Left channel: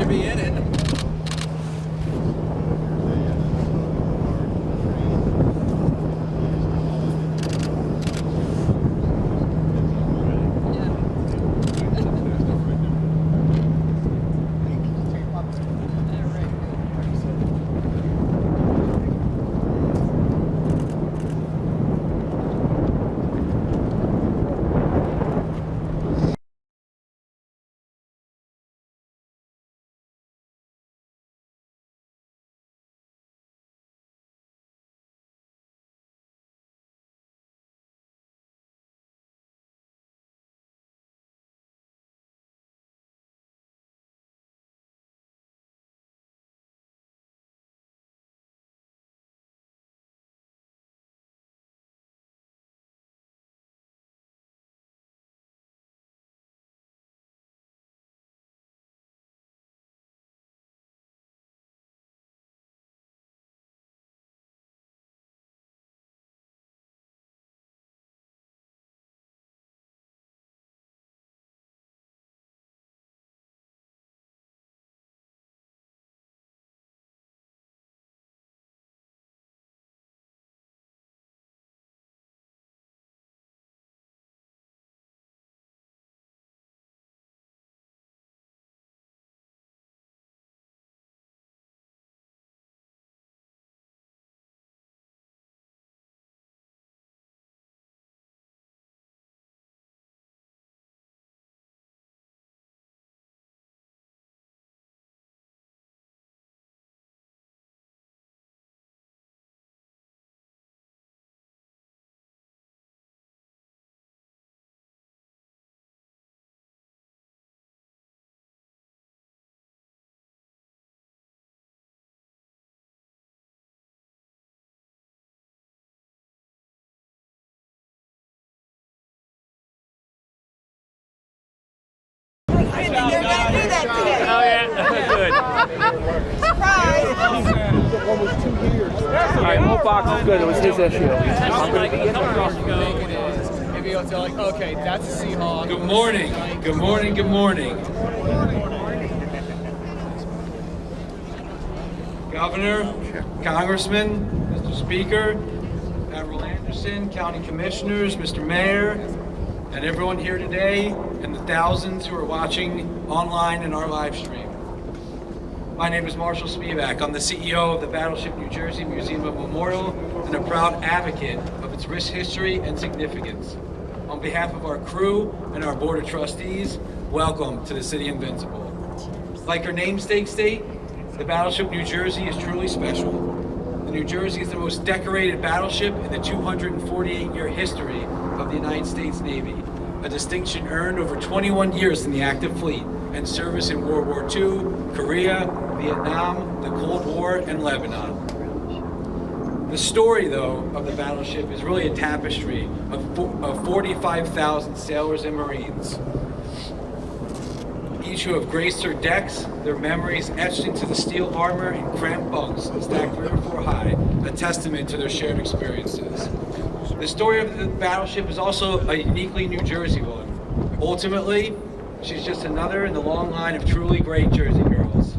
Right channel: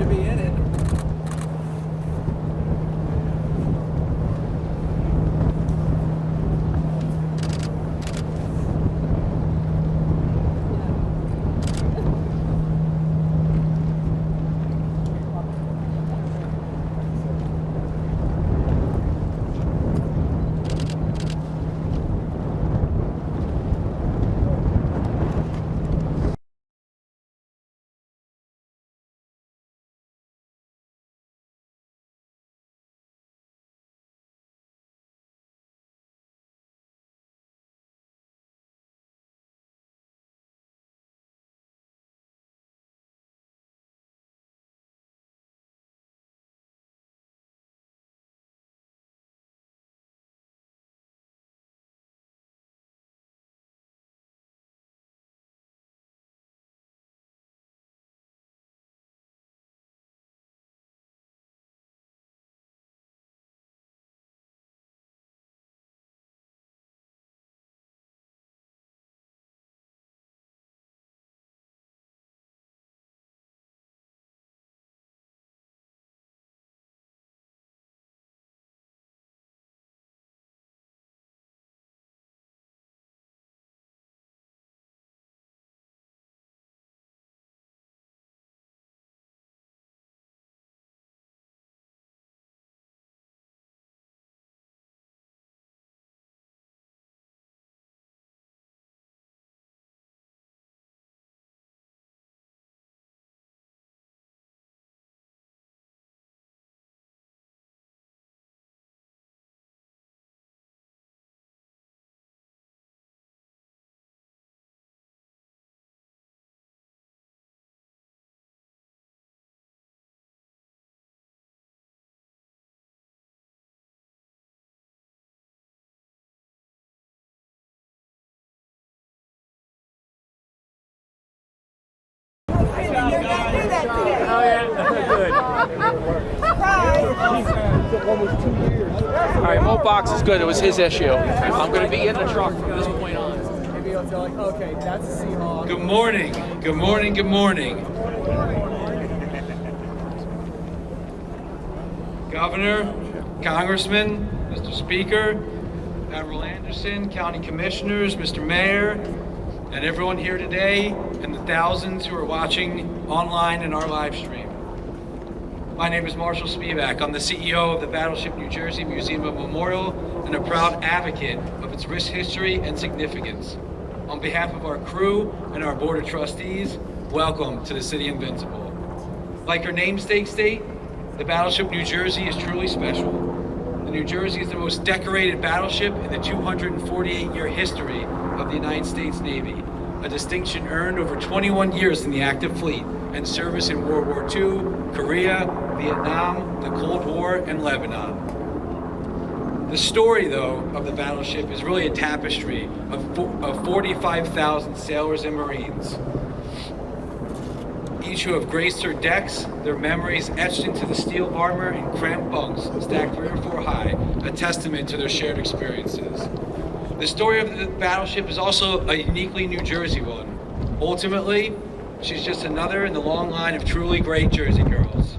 to be in it. Oh yeah, good. Almost 2 years. All right, Mo Box is good. It was his issue. I'm going to be in the truck. Maybe I'll tell like, okay, that's a Seahawk. Good morning. Good morning. Good morning. Governor, Congressman, Mr. Speaker, Admiral Anderson, County Commissioners, Mr. Mayor, and everyone here today, and the thousands who are watching online in our live stream. My name is Marshall Spivak. I'm the CEO of the Battleship New Jersey Museum and Memorial and a proud advocate of its rich history and significance. On behalf of our crew and our Board of Trustees, welcome to the City Invincible. Like her namesake state, the Battleship New Jersey is truly special. The New Jersey is the most decorated battleship in the 248-year history of the United States Navy, a distinction earned over 21 years in the active fleet and service in World War II, Korea, Vietnam, the Cold War, and Lebanon. The story, though, of the battleship is really a tapestry of 45,000 sailors and Marines, each who have graced her decks, their memories etched into the steel armor and cramped bunks stacked 3 or 4 high, a testament to their shared experiences. The story of the battleship is also a uniquely New Jersey one. Ultimately, she's just another in the long line of truly great Jersey girls.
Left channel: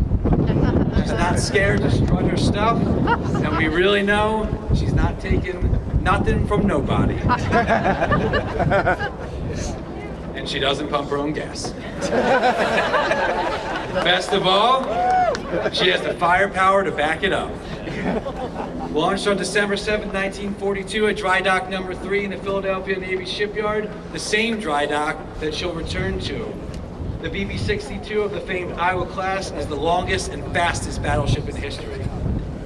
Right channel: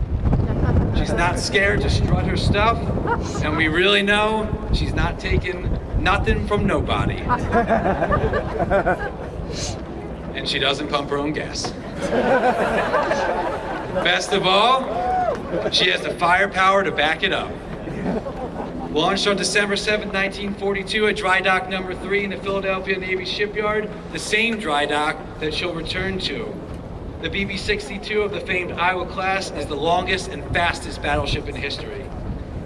She's not scared to strut her stuff, and we really know she's not taking nothing from nobody. And she doesn't pump her own gas. Best of all, she has the firepower to back it up. Launched on December 7, 1942 at dry dock number 3 in the Philadelphia Navy shipyard, the same dry dock that she'll return to. The BB62 of the famed Iowa class is the longest and fastest battleship in history.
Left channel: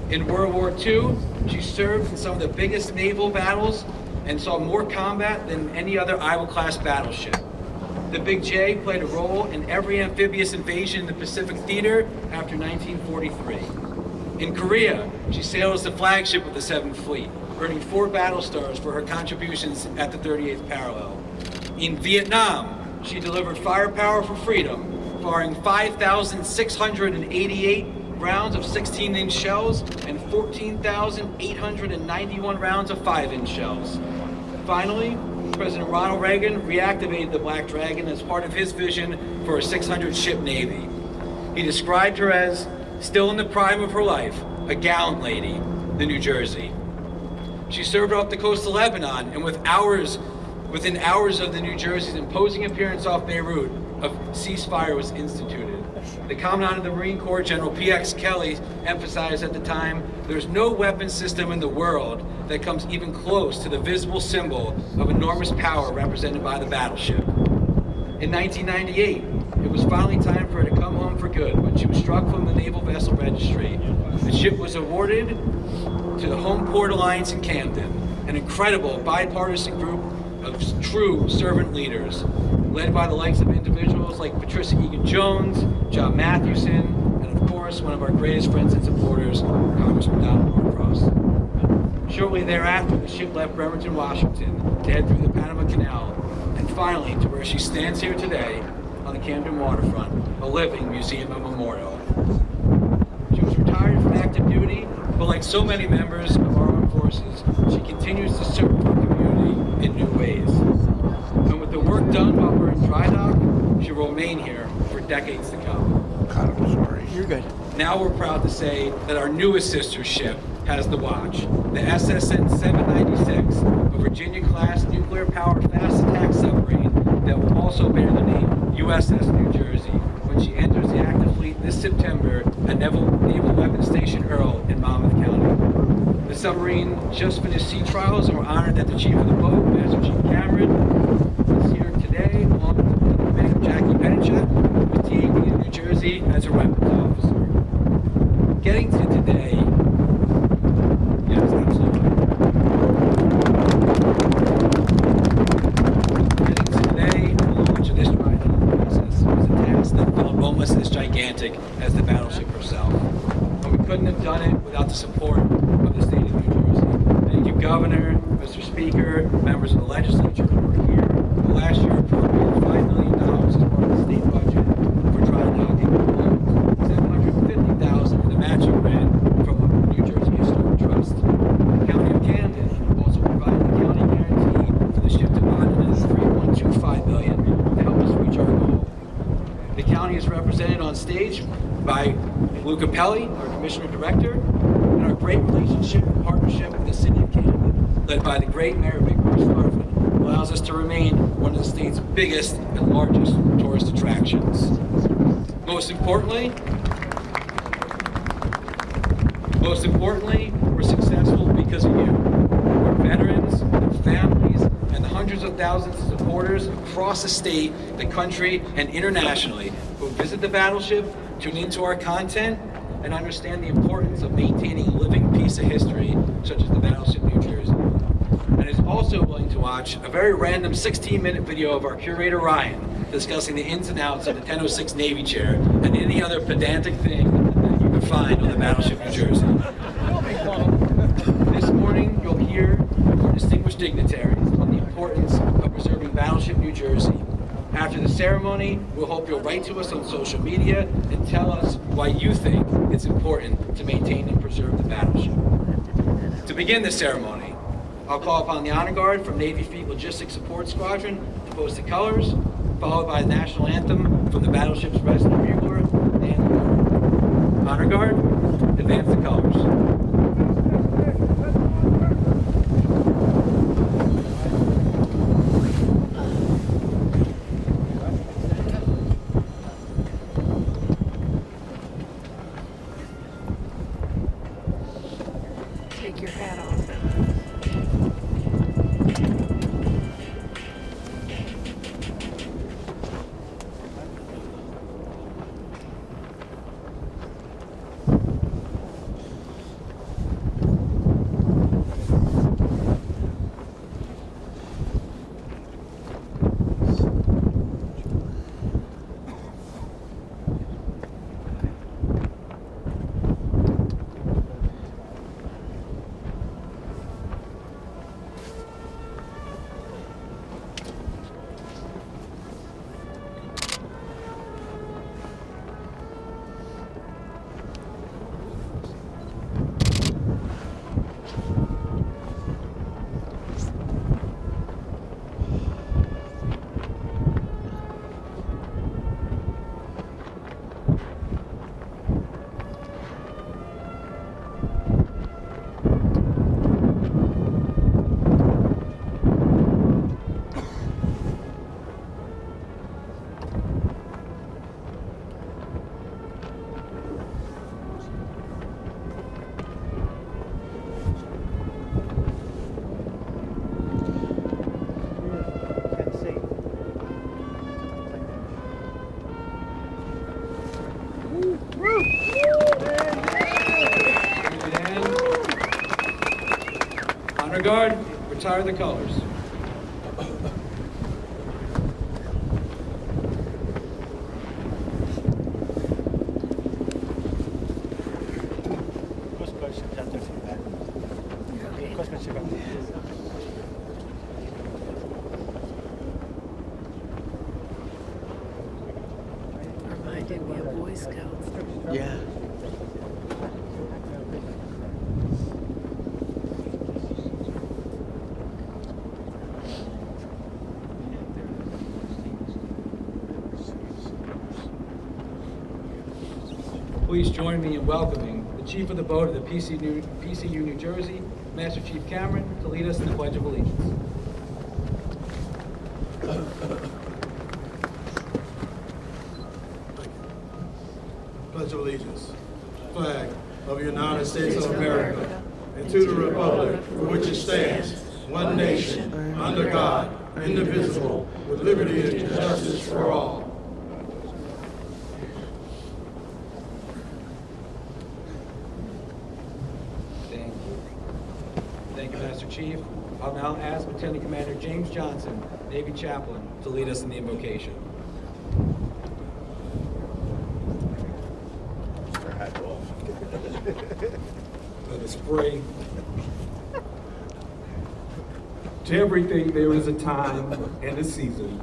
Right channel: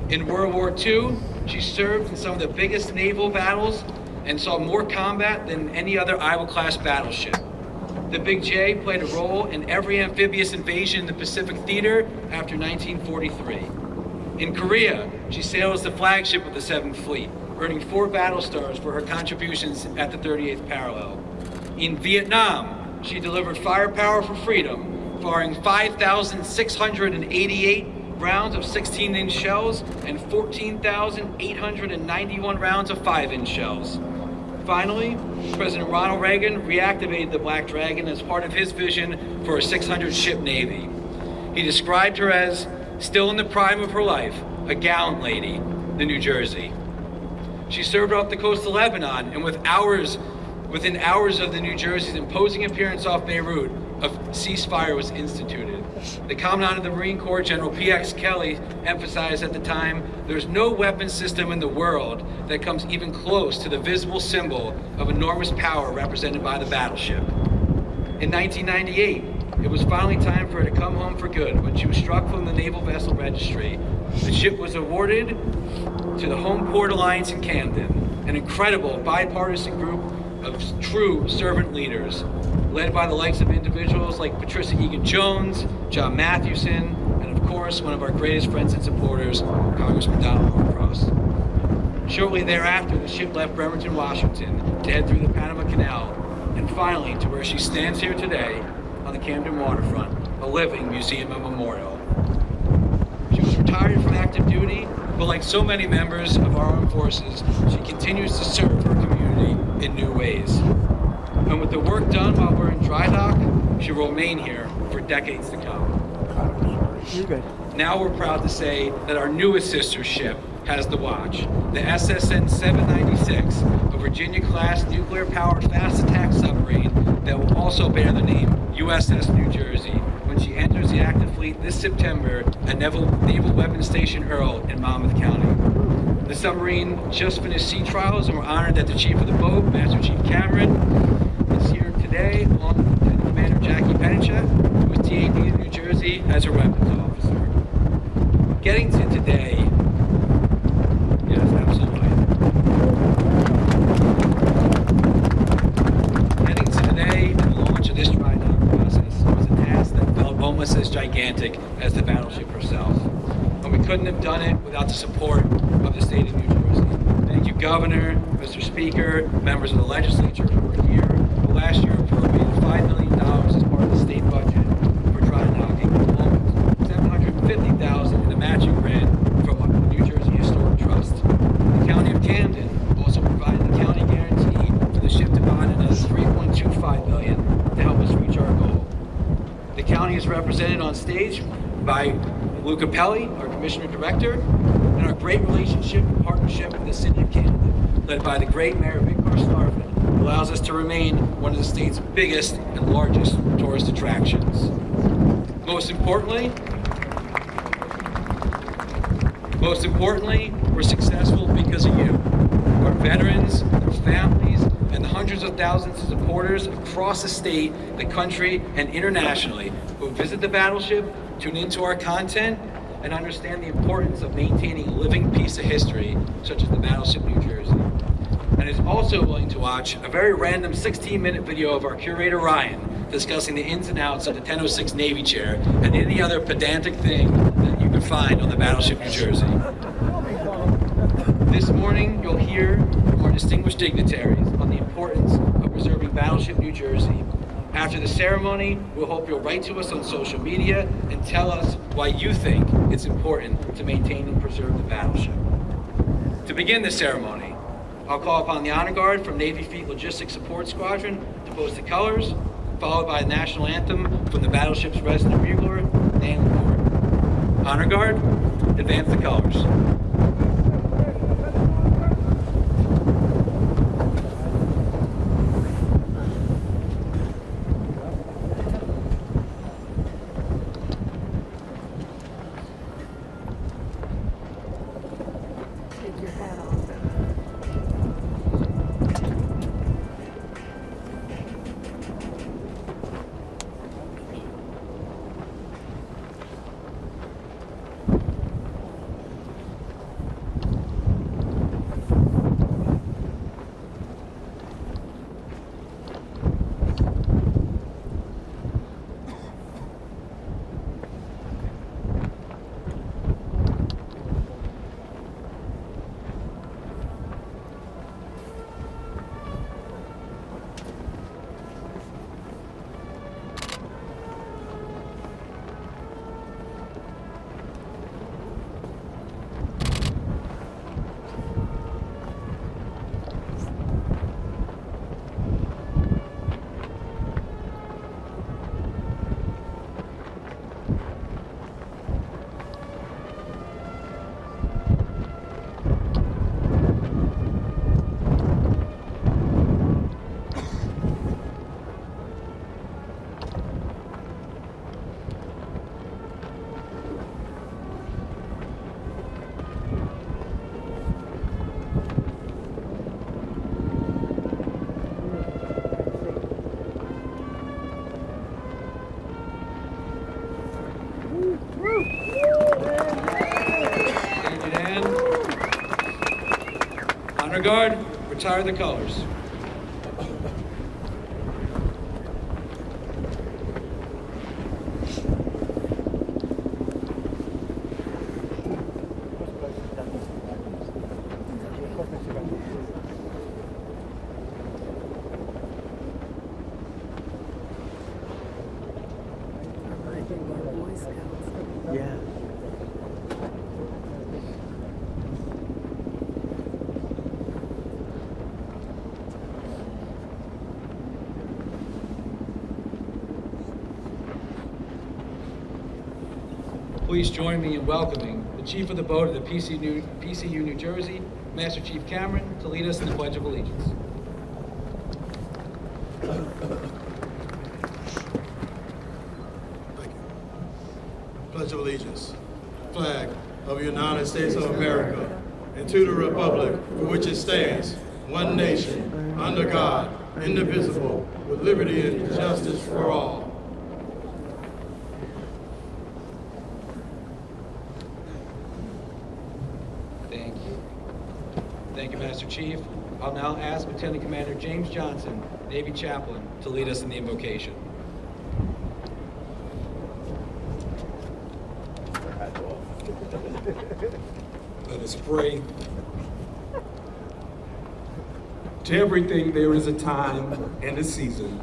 In World War II, she served in some of the biggest naval battles and saw more combat than any other Iowa class battleship. The Big J played a role in every amphibious invasion in the Pacific Theater after 1943. In Korea, she sailed as the flagship of the 7th Fleet, earning 4 battle stars for her contributions at the 38th parallel. In Vietnam, she delivered firepower for freedom, firing 5,688 rounds of 16-inch shells and 14,891 rounds of 5-inch shells. Finally, President Ronald Reagan reactivated the Black Dragon as part of his vision for a 600-ship Navy. He described her as still in the prime of her life, a gallant lady, the New Jersey. She served off the coast of Lebanon, and within hours of the New Jersey's imposing appearance off Beirut, a ceasefire was instituted. The Commandant of the Marine Corps, General P.X. Kelly, emphasized at the time, there's no weapon system in the world that comes even close to the visible symbol of enormous power represented by the battleship. In 1998, it was finally time for her to come home for good when she was struck from the Naval Vessel Registry. The ship was awarded to the Home Port Alliance in Camden, an incredible bipartisan group of true servant leaders, led by the likes of individuals like Patricia Egan-Jones, John Mathewson, and of course, one of our greatest friends and supporters, Congressman Norcross. Shortly thereafter, the ship left Bremerton, Washington, to head through the Panama Canal, and finally to where she stands here today on the Camden waterfront, a living museum and memorial. She was retired from active duty, but like so many members of our armed forces, she continues to serve her community in new ways. And with the work done while we're in dry dock, she will remain here for decades to come. God, I'm sorry. You're good. Now we're proud to say that our newest sister ship has the watch, the SSN 796, a Virginia-class nuclear-powered fast attack submarine that will also bear the name USS New Jersey when she enters the active fleet this September at Naval Weapons Station Earl in Monmouth County. The submarine just finished sea trials, and we're honored that the chief of the boat, Master Chief Cameron, is here today, along with Lieutenant Commander Jackie Pennichet, who is TAD in New Jersey as her weapons officer. Getting to today, yes, absolutely. Getting to today and the launch of this dry dock process was a task that felt almost as gigantic as the battleship herself. And we couldn't have done it without the support of the state of New Jersey. Thank you, Governor, Mr. Speaker, members of the legislature who were here, who last year appropriated $5 million as part of the state budget for dry docking, along with $750,000 in the matching grant from the New Jersey Historic Trust. The County of Camden also provided the county guarantee for the ship to bond another $3.25 million to help us reach our goal. The county is represented on stage by Lou Capelli, our Commissioner Director, and our great relationship and partnership with the City of Camden, led by the great Mayor Victor Starford, who allows us to remain one of the state's biggest and largest tourist attractions. Most importantly, we're successful because of you, our veterans, their families, and the hundreds of thousands of supporters across the state, the country, and internationally who visit the battleship, tune into our content, and understand the importance of maintaining a living piece of history, such as the Battleship New Jersey. And is also willing to watch a very random 16-minute video of our curator Ryan discussing the ins and outs of the 1006 Navy chair and any other pedantic thing that you can find on the Battleship New Jersey. This morning, you'll hear from our distinguished dignitaries on the importance of preserving Battleship New Jersey. After the ceremony, we'll hope you'll write to us on social media and tell us why you think it's important to maintain and preserve the battleship. To begin the ceremony, I'll call upon the Honor Guard from Navy Fleet Logistics Support Squadron to post the colors, followed by the national anthem from the battleship's resident bugler, Dan Lamore. Honor Guard, advance the colors. Take your hat off. Guard, retire the colors. Yeah. Please join me in welcoming the Chief of the Boat of the PCU New Jersey, Master Chief Cameron, to lead us in the Pledge of Allegiance. Pledge of Allegiance. Flag of the United States of America and to the republic for which it stands, one nation, under God, indivisible, with liberty and justice for all. Thank you. Thank you, Master Chief. I'll now ask Lieutenant Commander James Johnson, Navy Chaplain, to lead us in the invocation. Let us pray. To everything there is a time and a season.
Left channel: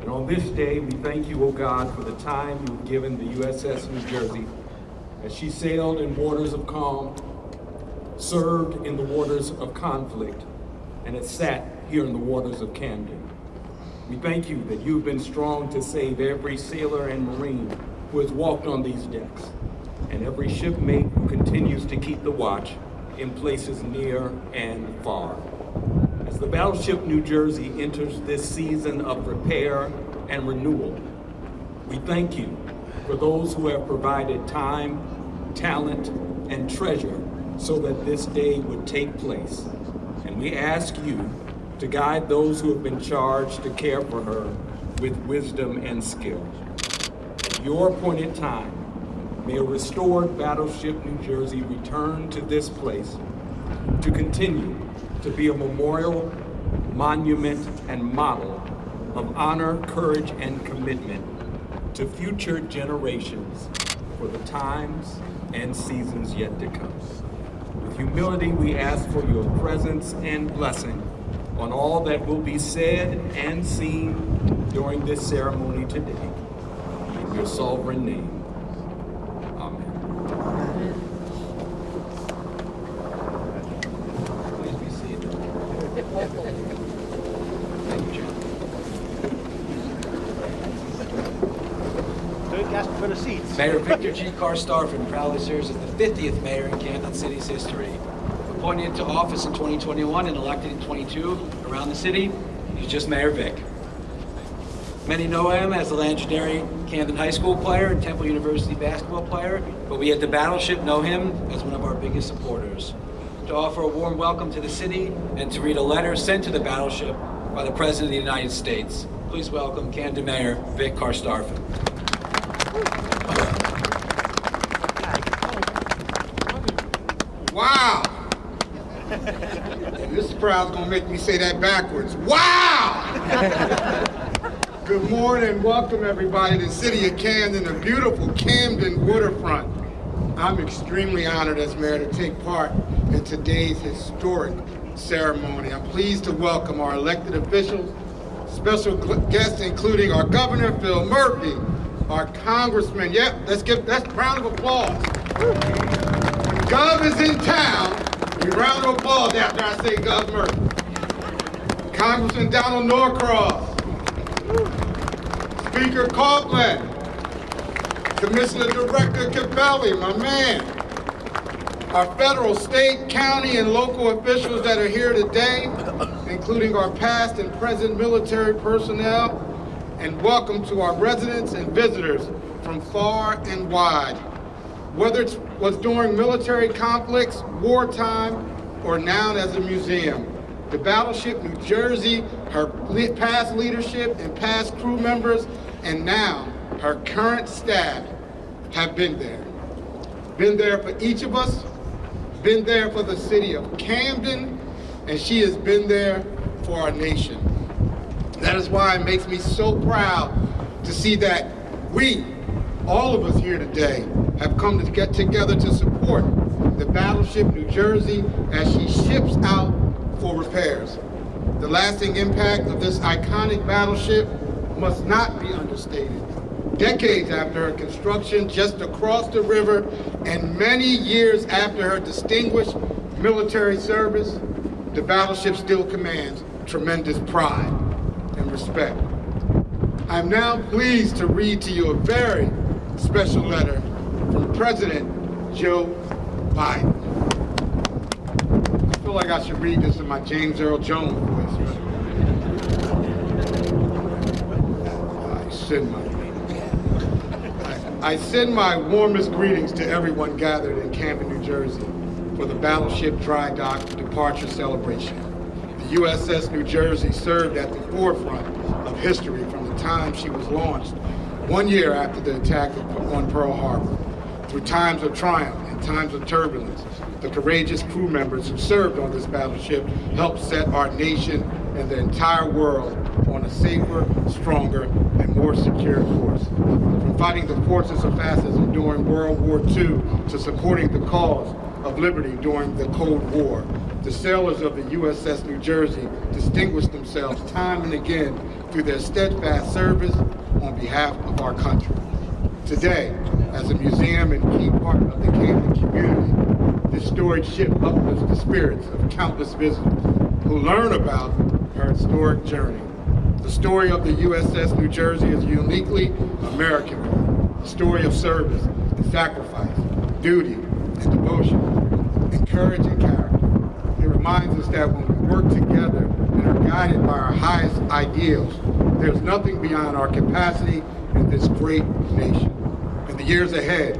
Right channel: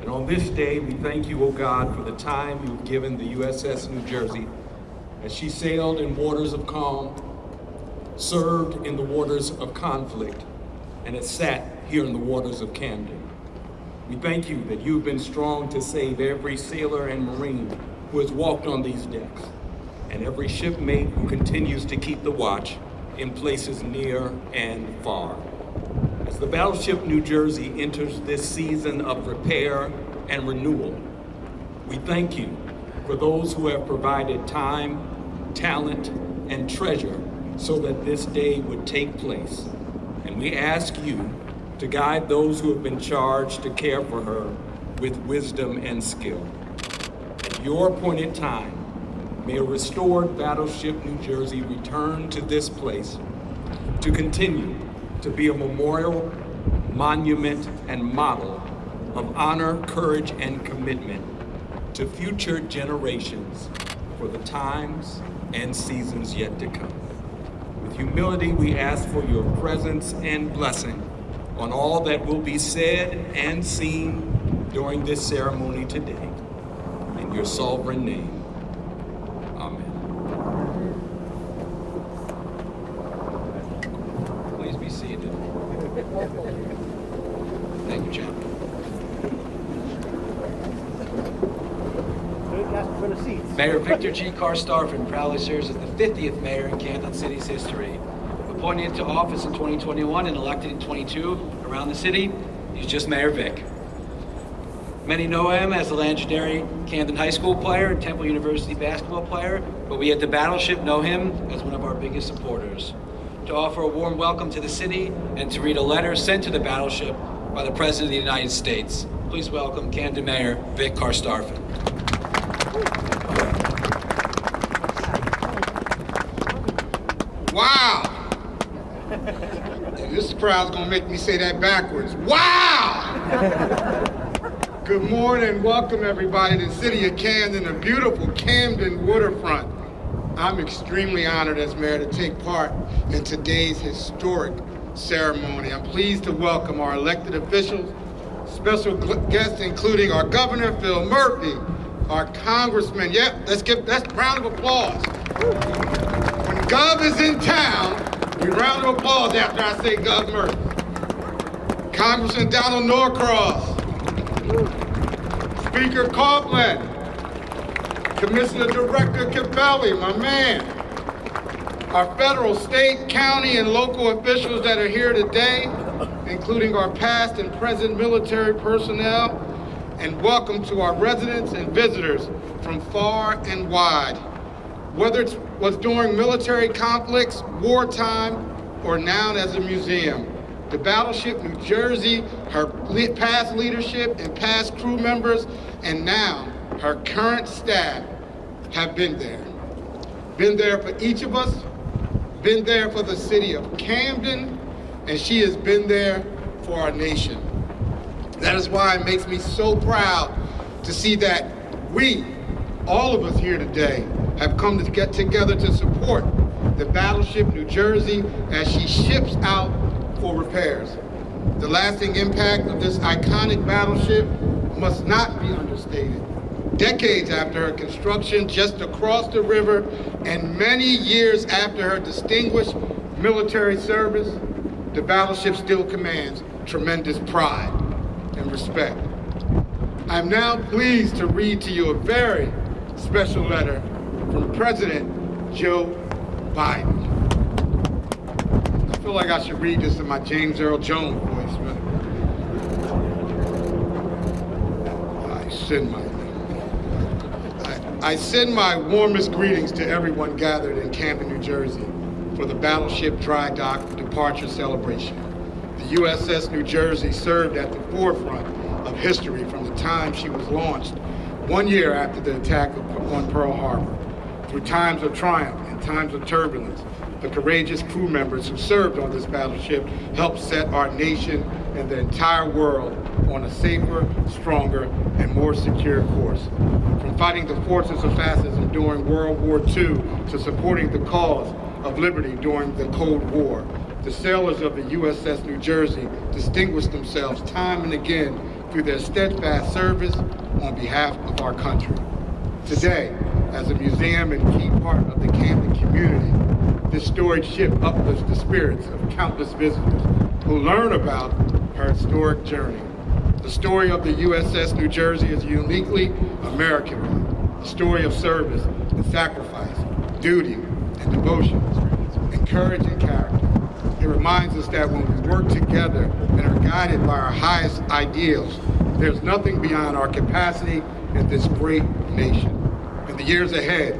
And on this day, we thank you, O God, for the time you've given the USS New Jersey as she sailed in waters of calm, served in the waters of conflict, and has sat here in the waters of Camden. We thank you that you've been strong to save every sailor and Marine who has walked on these decks, and every shipmate who continues to keep the watch in places near and far. As the Battleship New Jersey enters this season of repair and renewal, we thank you for those who have provided time, talent, and treasure so that this day would take place. And we ask you to guide those who have been charged to care for her with wisdom and skill. At your appointed time, may a restored Battleship New Jersey return to this place to continue to be a memorial, monument, and model of honor, courage, and commitment to future generations for the times and seasons yet to come. With humility, we ask for your presence and blessing on all that will be said and seen during this ceremony today. In your sovereign name. Please be seated. Thank you, Chaplain. Mayor Victor G. Starfin proudly serves as the 50th mayor in Camden City's history. Appointed into office in 2021 and elected in 22 around the city, he's just Mayor Vic. Many know him as the legendary Camden High School player and Temple University basketball player, but we at the Battleship know him as one of our biggest supporters. To offer a warm welcome to the city and to read a letter sent to the Battleship by the President of the United States. Please welcome Camden Mayor Vic Starfin. Wow! And this crowd's gonna make me say that backwards. Wow! Good morning, welcome everybody to the city of Camden, the beautiful Camden waterfront. I'm extremely honored as mayor to take part in today's historic ceremony. I'm pleased to welcome our elected officials, special guests including our Governor Phil Murphy, our Congressman, that's a round of applause. When Gov is in town, we round of applause after I say Gov Murphy. Congressman Donald Norcross, Speaker Copeland, Commissioner Director Cabelli, my man, our federal, state, county, and local officials that are here today, including our past and present military personnel, and welcome to our residents and visitors from far and wide. Whether it was during military conflicts, wartime, or now as a museum, the Battleship New Jersey, her past leadership and past crew members, and now her current staff have been there. Been there for each of us, been there for the city of Camden, and she has been there for our nation. That is why it makes me so proud to see that we, all of us here today, have come to get together to support the Battleship New Jersey as she ships out for repairs. The lasting impact of this iconic battleship must not be understated. Decades after her construction just across the river and many years after her distinguished military service, the battleship still commands tremendous pride and respect. I'm now pleased to read to you a very special letter from President Joe Biden. I feel like I should read this in my James Earl Jones voice, right? I send my warmest greetings to everyone gathered in Camden, New Jersey for the Battleship Dry Dock departure celebration. The USS New Jersey served at the forefront of history from the time she was launched 1 year after the attack on Pearl Harbor. Through times of triumph and times of turbulence, the courageous crew members who served on this battleship helped set our nation and the entire world on a safer, stronger, and more secure course. From fighting the forces of fascism during World War II to supporting the cause of liberty during the Cold War, the sailors of the USS New Jersey distinguished themselves time and again through their steadfast service on behalf of our country. Today, as a museum and key part of the Camden community, this storied ship uplifts the spirits of countless visitors who learn about her historic journey. The story of the USS New Jersey is a uniquely American one, a story of service and sacrifice, duty and devotion, and courage and character. It reminds us that when we work together and are guided by our highest ideals, there's nothing beyond our capacity in this great nation. In the years ahead,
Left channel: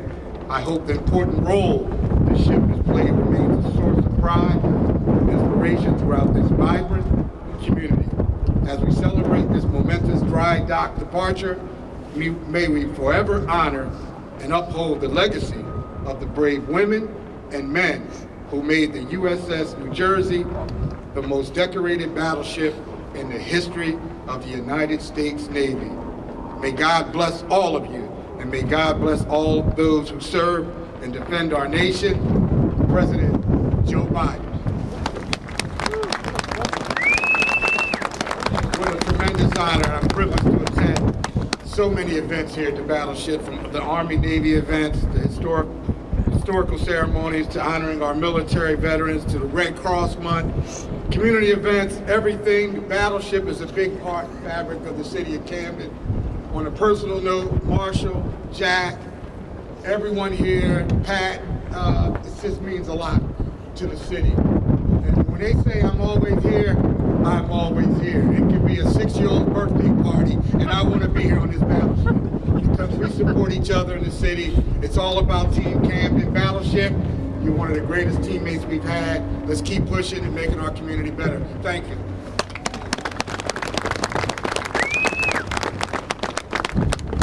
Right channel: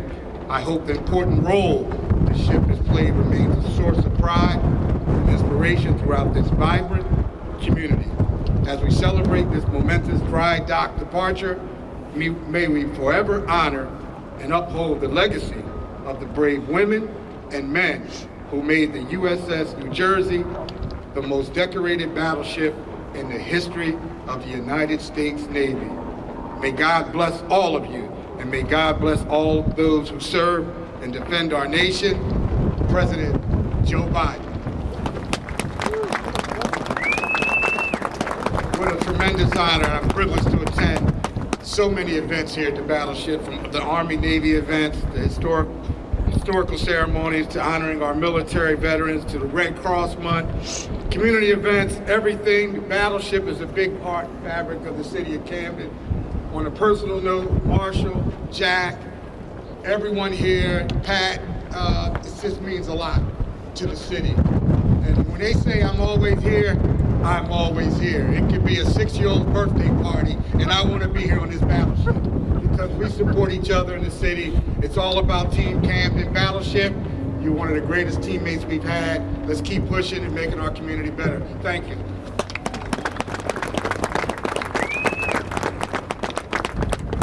I hope the important role this ship has played remains a source of pride and inspiration throughout this vibrant community. As we celebrate this momentous dry dock departure, may we forever honor and uphold the legacy of the brave women and men who made the USS New Jersey the most decorated battleship in the history of the United States Navy. May God bless all of you, and may God bless all those who serve and defend our nation. President Joe Biden. What a tremendous honor. I'm privileged to attend so many events here at the Battleship, from the Army-Navy events, the historical ceremonies, to honoring our military veterans, to the Red Cross Month, community events, everything. The Battleship is a big part and fabric of the city of Camden. On a personal note, Marshall, Jack, everyone here, Pat, it just means a lot to the city. And when they say I'm always here, I'm always here. It could be a 6-year-old birthday party, and I want to be here on this battleship because we support each other in the city. It's all about Team Camden. Battleship, you're one of the greatest teammates we've had. Let's keep pushing and making our community better. Thank you.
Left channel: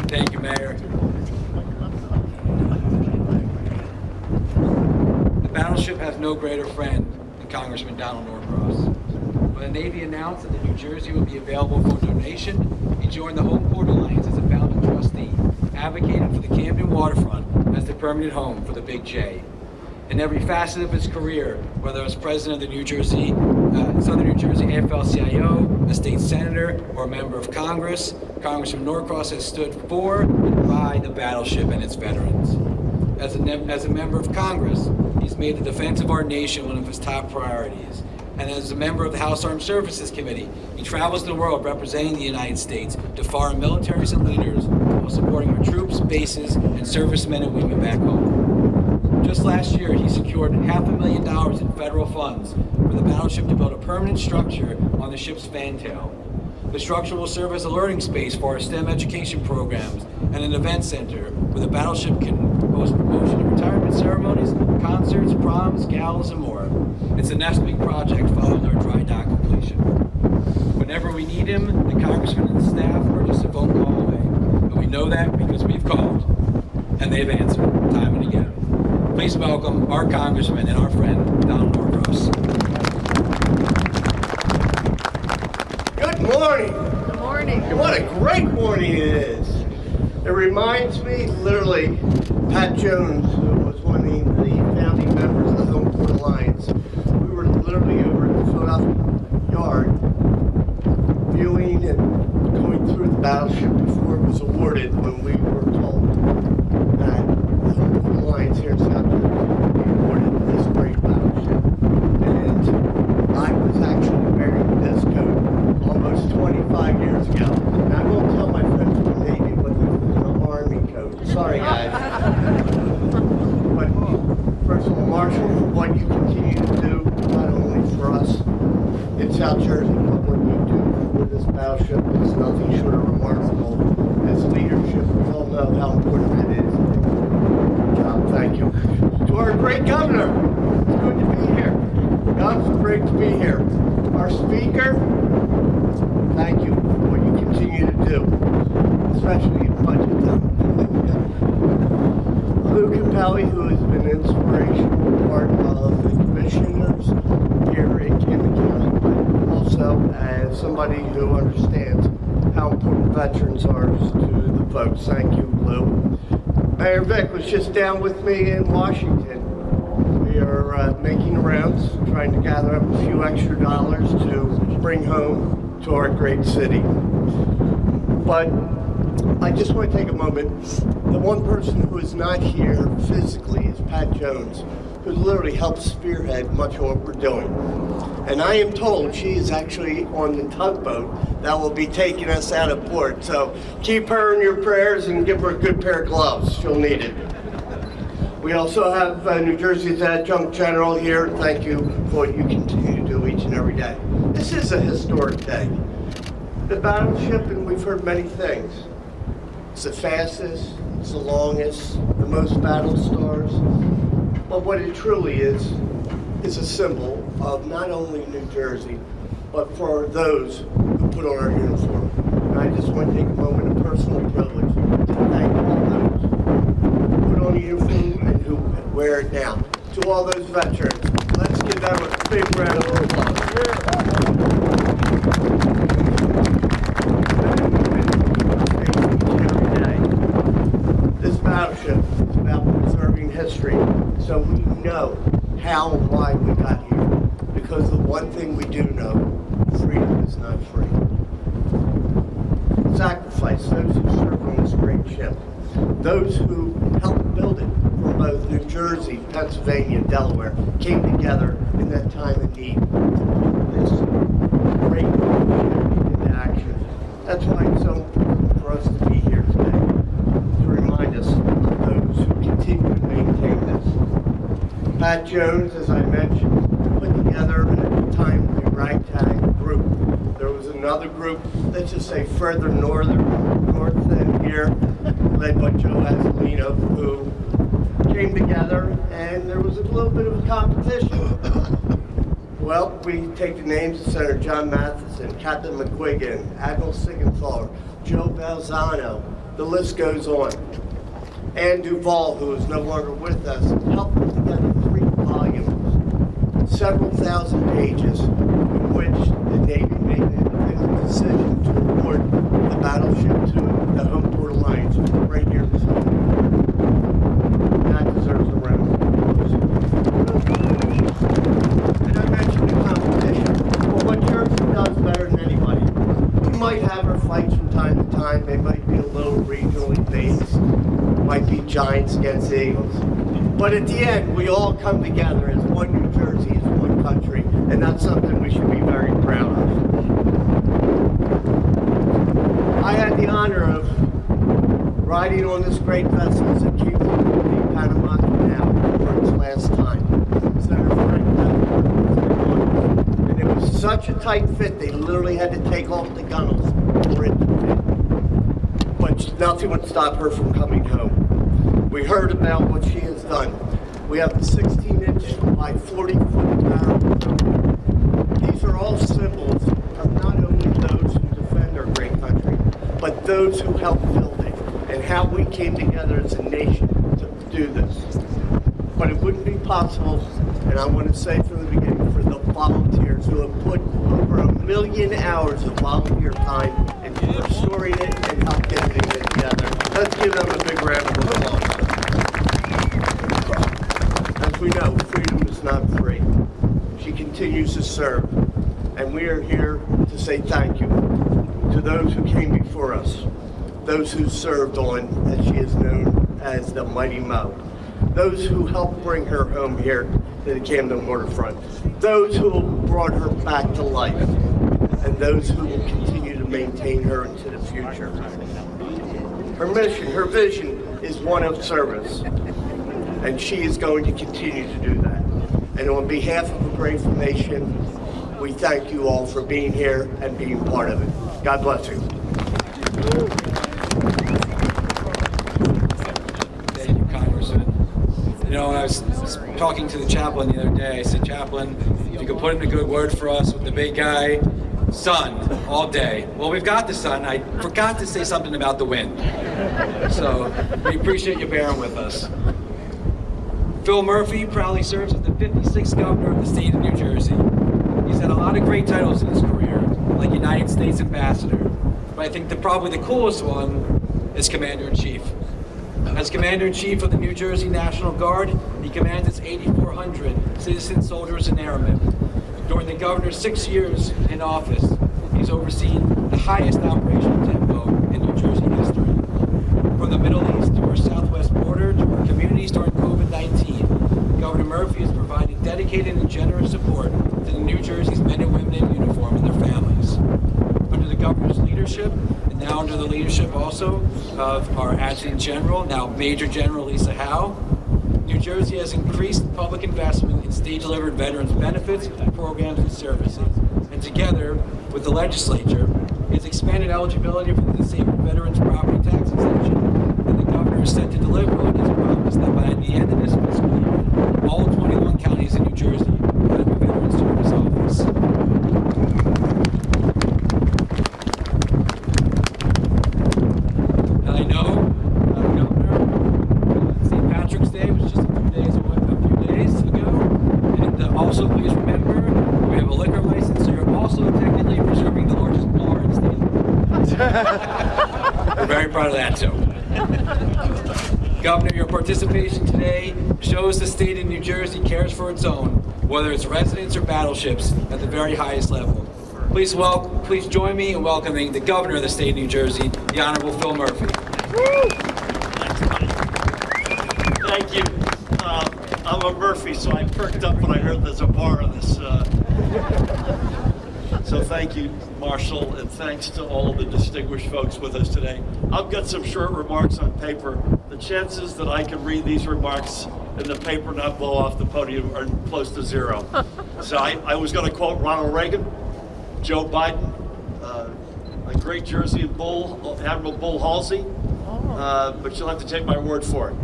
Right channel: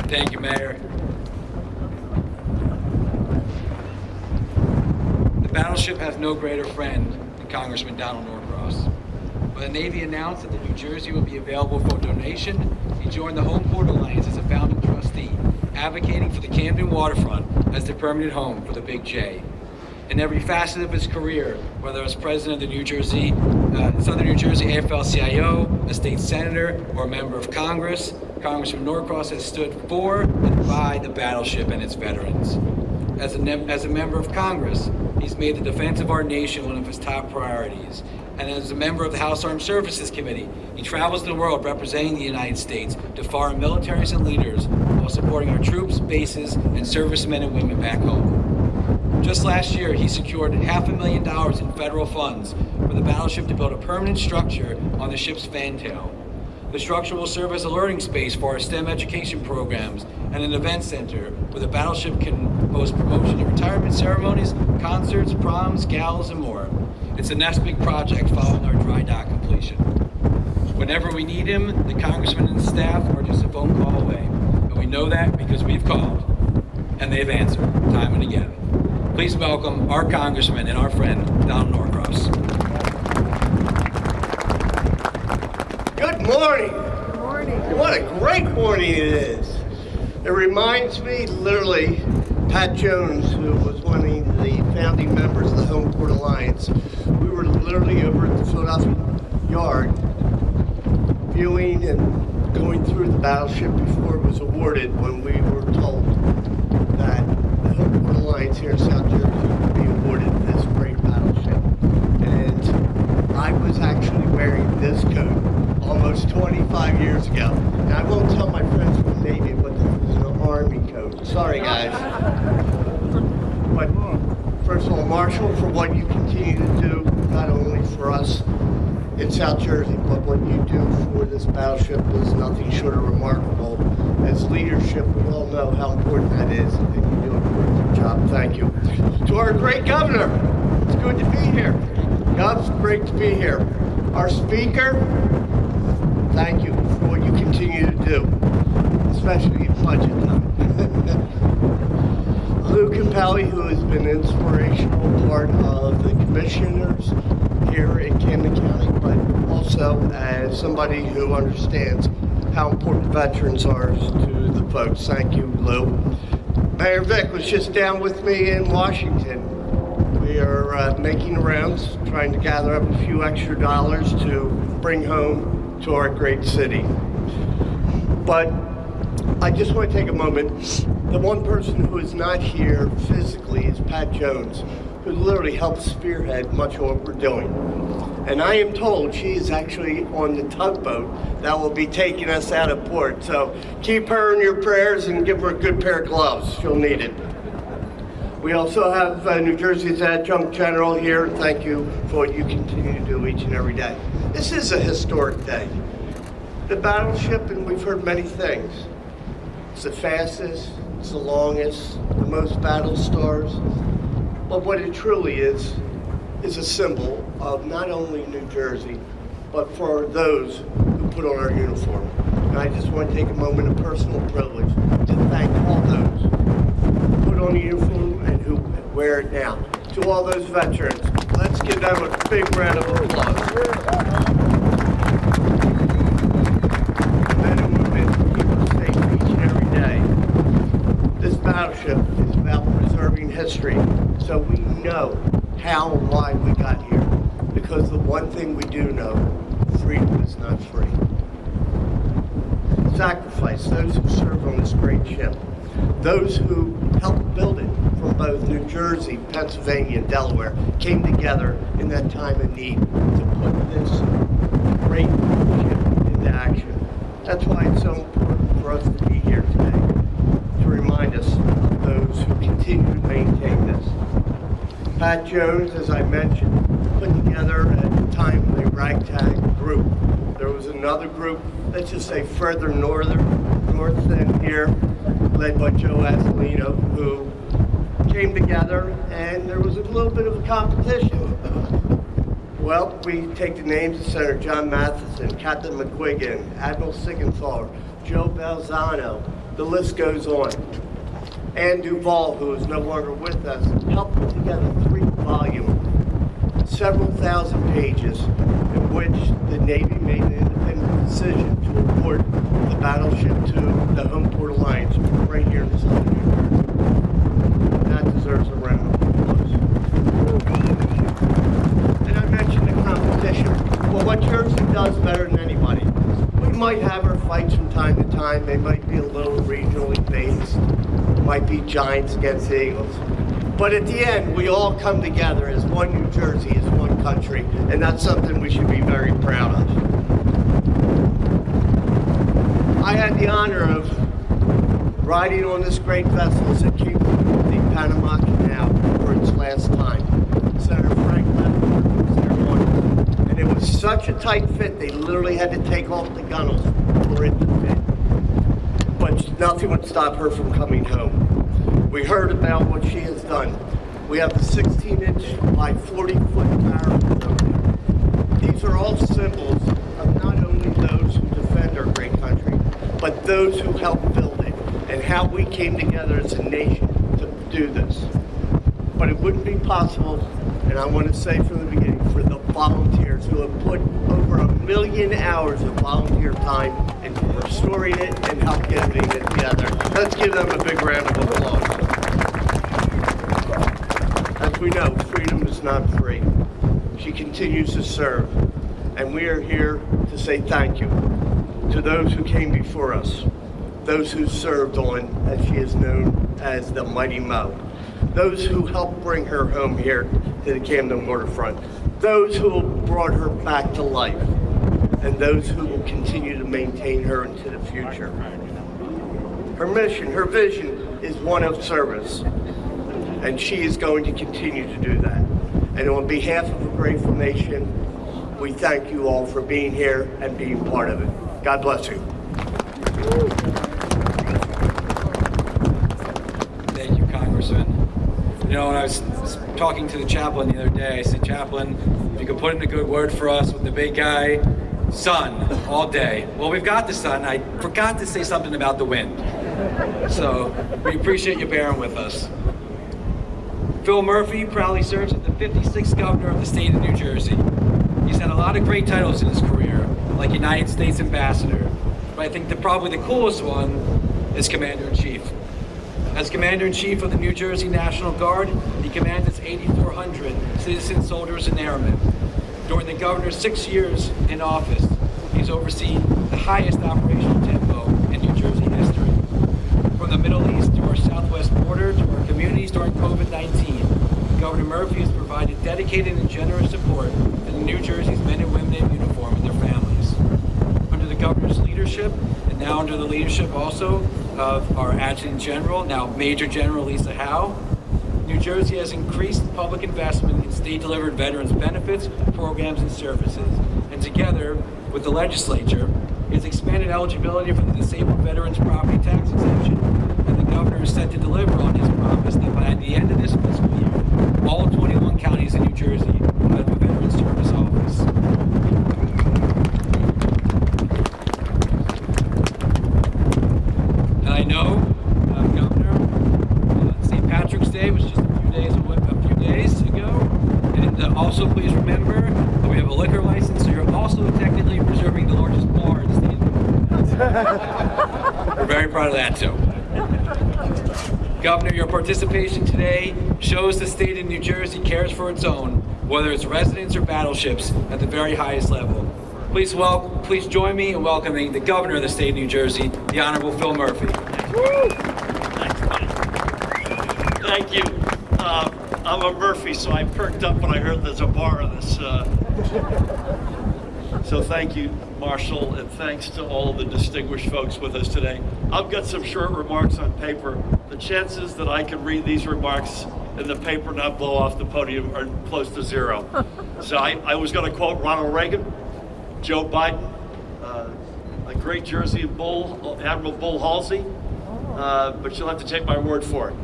Thank you, Mayor. The Battleship has no greater friend than Congressman Donald Norcross. When the Navy announced that the New Jersey would be available for donation, he joined the Home Port Alliance as a founding trustee, advocating for the Camden waterfront as the permanent home for the Big J. In every facet of his career, whether as president of the Southern New Jersey AFL-CIO, a state senator, or a member of Congress, Congressman Norcross has stood for and by the Battleship and its veterans. As a member of Congress, he's made the defense of our nation one of his top priorities. And as a member of the House Armed Services Committee, he travels the world representing the United States to foreign militaries and leaders while supporting our troops, bases, and servicemen and women back home. Just last year, he secured $500,000 in federal funds for the Battleship to build a permanent structure on the ship's fantail. The structure will serve as a learning space for our STEM education programs and an event center where the Battleship can host promotion and retirement ceremonies, concerts, proms, galas, and more. It's the next big project following our dry dock completion. Whenever we need him, the Congressman and the staff are just a phone call away. And we know that because we've called, and they've answered time and again. Please welcome our Congressman and our friend, Donald Norcross. morning. Good morning. What a great morning it is. It reminds me, literally, Pat Jones, who was one of the founding members of the Home Port Alliance, we were literally over at the Philadelphia Yard viewing and going through the battleship before it was awarded when we were told that the Home Port Alliance here in South Jersey would be awarded this great battleship. And I was actually wearing this coat almost 25 years ago. Now I won't tell my friends from the Navy, but this was an Army coat. Sorry guys. But first of all, Marshall, for what you continue to do, not only for us in South Jersey, but what you do for this battleship is nothing short of remarkable. As leadership, we all know how important that is, and you do a terrific job. Thank you. To our great governor, it's good to be here. It's great to be here. Our speaker, thank you for what you continue to do, especially in budget time. Lou Capelli, who has been an inspirational part of the commissioners here in Camden County, but also as somebody who understands how important veterans are to the folks. Thank you, Lou. Mayor Vic was just down with me in Washington. We are making the rounds, trying to gather up a few extra dollars to bring home to our great city. But I just want to take a moment. The one person who is not here physically is Pat Jones, who literally helped spearhead much of what we're doing. And I am told she is actually on the tugboat that will be taking us out of port. So keep her in your prayers and give her a good pair of gloves. She'll need it. We also have New Jersey's Adjunct General here. Thank you for what you continue to do each and every day. This is a historic day. The battleship, and we've heard many things. It's the fastest, it's the longest, the most battle stars. But what it truly is a symbol of not only New Jersey, but for those who put on our uniform. And I just want to take a moment of personal privilege to thank all those who put on the uniform and who wear it now. To all those veterans, let's give them a big round of applause. Men and women keep us safe each and every day. This battleship is about preserving history, so we know how and why we got here. Because the one thing we do know, freedom is not free. Sacrifice, those who served on this great ship, those who helped build it from both New Jersey, Pennsylvania, and Delaware, came together in that time of need to put this great ship into action. That's why it's so important for us to be here today, to remind us of those who continue to maintain this. Pat Jones, as I mentioned, put together at the time a ragtag group. There was another group, let's just say further north than here, led by Joe Azzolino, who came together, and there was a little bit of a competition. Well, we take the names of Senator John Matheson, Captain McQuiggan, Admiral Siegenthaler, Joe Balzano, the list goes on. Ann Duvall, who is no longer with us, helped put together 3 volumes, several thousand pages, in which the Navy made an independent decision to award the battleship to the Home Port Alliance right here in southern New Jersey. That deserves a round of applause. And I mentioned the competition. Well, what Jersey does better than anybody, we might have our fights from time to time. They might be a little regionally based. Might be Giants against the Eagles. But at the end, we all come together as one New Jersey, as one country, and that's something we should be very proud of. I had the honor of riding on this great vessel as it came through the Panama Canal for its last time. Senator Frank Ledford was there on it. And it was such a tight fit, they literally had to take off the gunnels for it to fit. But nothing would stop her from coming home. We heard about what she has done. We have the 16-inch by 40-foot barrels over there. These are all symbols of not only those who defend our great country, but those who helped build it, and how we came together as a nation to do this. But it wouldn't be possible And I want to say from the beginning, for the volunteers who have put over 1 million hours of volunteer time into restoring it and help getting it together. Let's give them a big round of applause. As we know, freedom is not free. She continues to serve. And we are here to say thank you to those who came before us, those who served on, as she is known as, the Mighty Mo, those who helped bring her home here to the Camden waterfront, those who brought her back to life, and those who will continue to maintain her into the future. Her mission, her vision is one of service, and she is going to continue to do that. And on behalf of a grateful nation, we thank you all for being here and being part of it. God bless you. Thank you, Congressman. You know, when I was talking to the chaplain the other day, I said, Chaplain, if you could put in a good word for us with the big guy, sun, all day. Well, we've got the sun. I forgot to say something about the wind. So we appreciate you bearing with us. Phil Murphy proudly serves as the 56th governor of the state of New Jersey. He's had a lot of great titles in his career, like United States Ambassador, but I think probably the coolest one is Commander-in-Chief. As Commander-in-Chief of the New Jersey National Guard, he commands its 8,400 citizen soldiers and airmen. During the governor's 6 years in office, he's overseen the highest operational tempo in New Jersey history. From the Middle East to our southwest border to our communities during COVID-19, Governor Murphy has provided dedicated and generous support to the New Jersey's men and women in uniform and their families. Under the governor's leadership, and now under the leadership also of our Adjutant General, now Major General Lisa Howe, New Jersey has increased public investment in state-delivered veterans benefits, programs, and services. And together with the legislature, it's expanded eligibility for the disabled veterans property tax exemption, and the governor is set to deliver on his promise that by the end of this fiscal year, all 21 counties in New Jersey will have a veterans service office. And I know, Governor, St. Patrick's Day was just a few days ago, and also please remember we have a liquor license, so you're also technically preserving the largest bar in the state of New Jersey. We're very proud of that too. Governor, your participation today shows the state of New Jersey cares for its own, whether it's residents or battleships, at the very highest level. Please join me in welcoming the Governor of the state of New Jersey, the Honorable Phil Murphy. Thank you. I'm a Murphy, so I perked up when I heard there's a bar on this. So thank you, Marshall, and thanks to all of the distinguished folks with us today. I've got some short remarks on paper. The chances that I can read these remarks in the paper not blow off the podium are close to zero. So I was going to quote Ronald Reagan, Joe Biden, a great Jersey bull, Admiral Bull Halsey, but you'll have to take my word for it.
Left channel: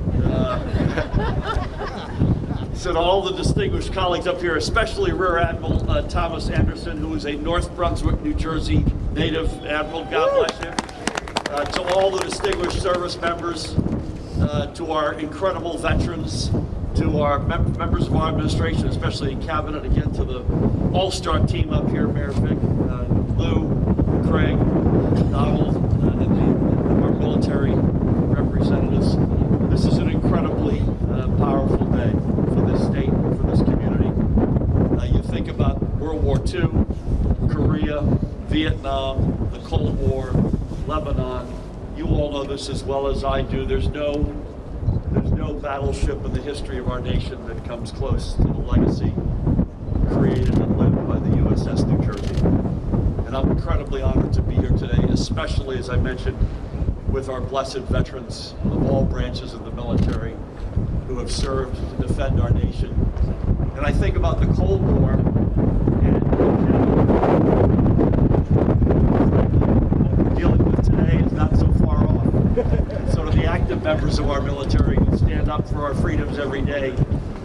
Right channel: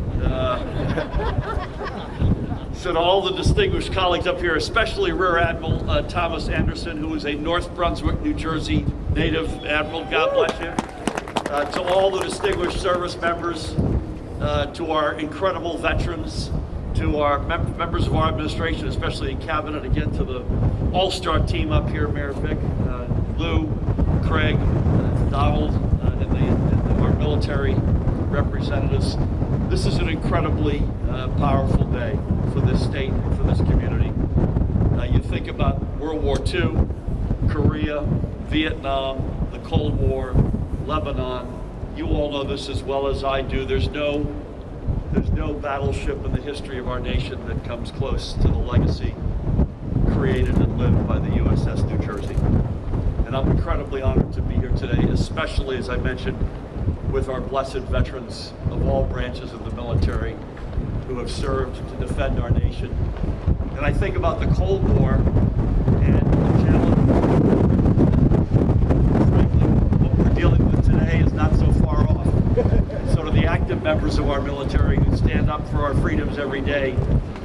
So to all the distinguished colleagues up here, especially Rear Admiral Thomas Anderson, who is a North Brunswick, New Jersey native admiral, God bless you. To all the distinguished service members, to our incredible veterans, to our members of our administration, especially in cabinet, again to the all-star team up here, Mayor Vic, Lou, Craig, Donald, and our military representatives. This is an incredibly powerful day for this state and for this community. You think about World War II, Korea, Vietnam, the Cold War, Lebanon. You all know this as well as I do. There's no battleship in the history of our nation that comes close to the legacy created and lived by the USS New Jersey. And I'm incredibly honored to be here today, especially, as I mentioned, with our blessed veterans of all branches of the military who have served to defend our nation. And I think about the Cold War and the challenge. Frankly, what we're dealing with today is not so far off. So to the active members of our military who stand up for our freedoms every day,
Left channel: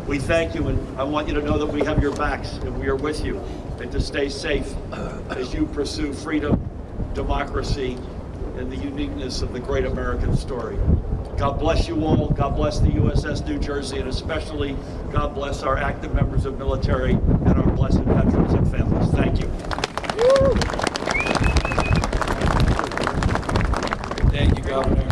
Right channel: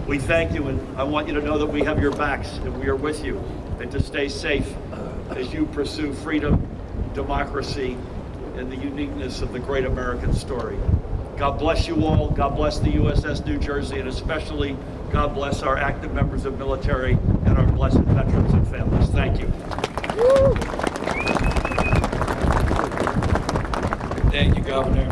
we thank you, and I want you to know that we have your backs and we are with you, and to stay safe as you pursue freedom, democracy, and the uniqueness of the great American story. God bless you all. God bless the USS New Jersey, and especially God bless our active members of military and our blessed veterans and families. Thank you. Thank you, Governor.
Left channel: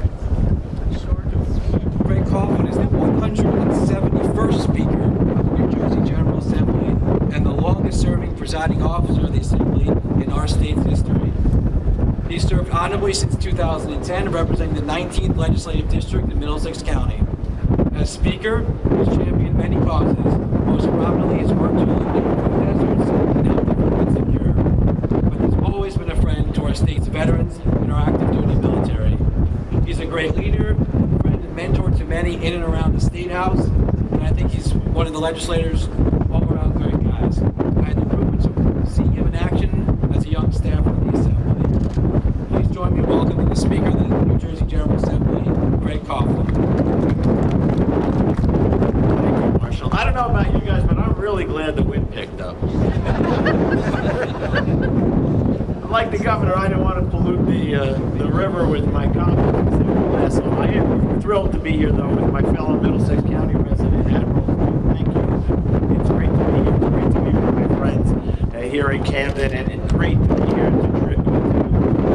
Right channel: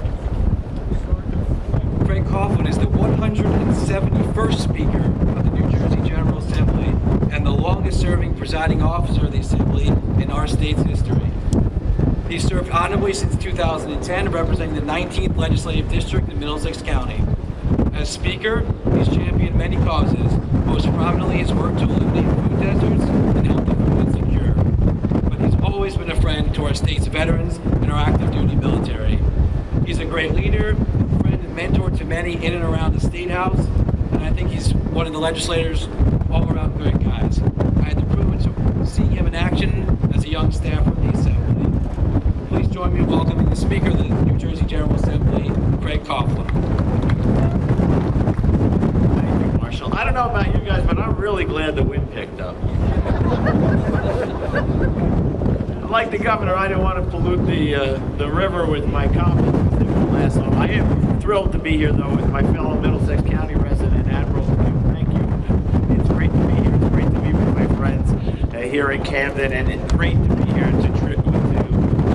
Craig Coughlin is the 171st Speaker of the New Jersey General Assembly and the longest-serving presiding officer of the Assembly in our state's history. He served honorably since 2010, representing the 19th Legislative District in Middlesex County. As Speaker, he's championed many causes, most prominently his work to eliminate food deserts and help the food insecure. But he's always been a friend to our state's veterans and our active duty military. He's a great leader, friend and mentor to many in and around the State House, and I think he's one of the legislators all-around great guys. I had the privilege of seeing him in action as a young staffer of the Assembly. Please join me in welcoming the Speaker of the New Jersey General Assembly, Craig Coughlin. Thank you, Marshall. I don't know about you guys, but I'm really glad the wind picked up. Like the governor, I don't want to pollute the river with my comments because they won't last long. I am thrilled to be here, though, with my fellow Middlesex County resident, Admiral. Thank you. It's great to be here. It's great to be with my friends here in Camden, and it's great to be here to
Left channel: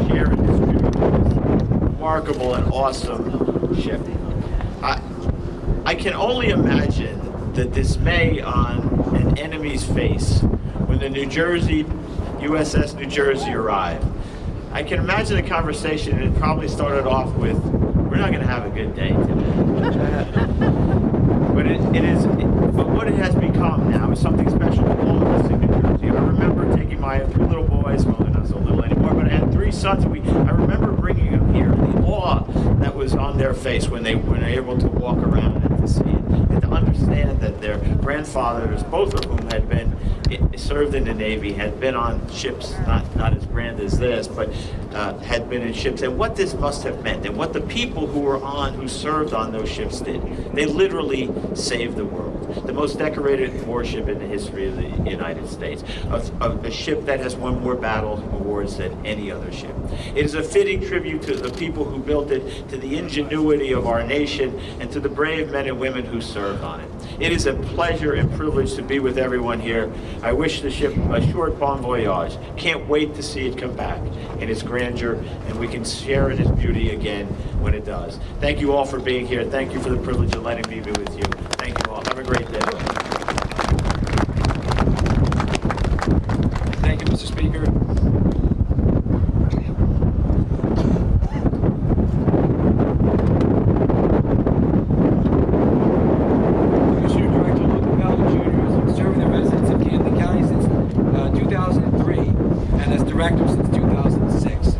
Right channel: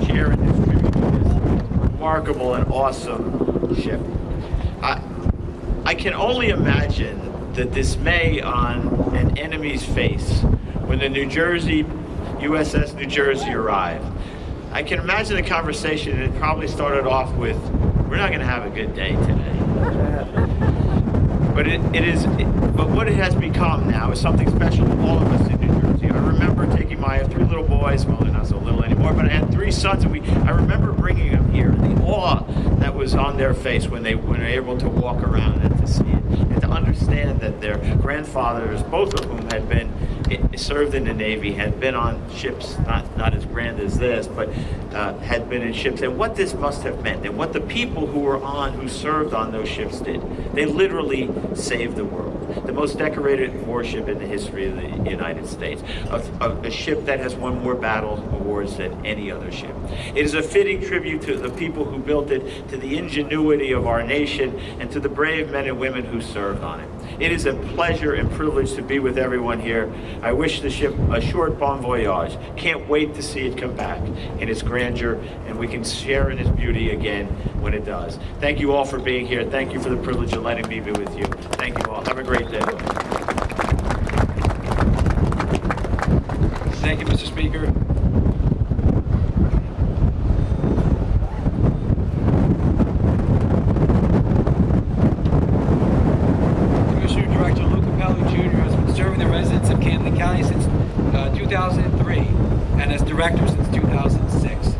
share and distribute this remarkable and awesome ship. I can only imagine the dismay on an enemy's face when the USS New Jersey arrived. I can imagine the conversation, and it probably started off with, "We're not going to have a good day today." But what it has become now is something special to all of us in New Jersey. I remember taking I have 3 little boys, well, they're not so little anymore, but I had 3 sons, and I remember bringing them here, and the awe that was on their face when they were able to walk around and to see it, and to understand that their grandfathers, both of whom had served in the Navy, had been on ships, not as grand as this, but had been in ships, and what this must have meant, and what the people who served on those ships did. They literally saved the world. The most decorated warship in the history of the United States, a ship that has won more battle awards than any other ship. It is a fitting tribute to the people who built it, to the ingenuity of our nation, and to the brave men and women who served on it. It is a pleasure and privilege to be with everyone here. I wish the ship a short bon voyage. Can't wait to see it come back in its grandeur, and we can share in its beauty again when it does. Thank you all for being here. Thank you for the privilege of letting me be with you. Thank you all. Have a great day. Thank you, Mr. Speaker. Commissioner Director Luca Pelli Jr. has been serving the residents of Camden County since 2003 and as director since 2006.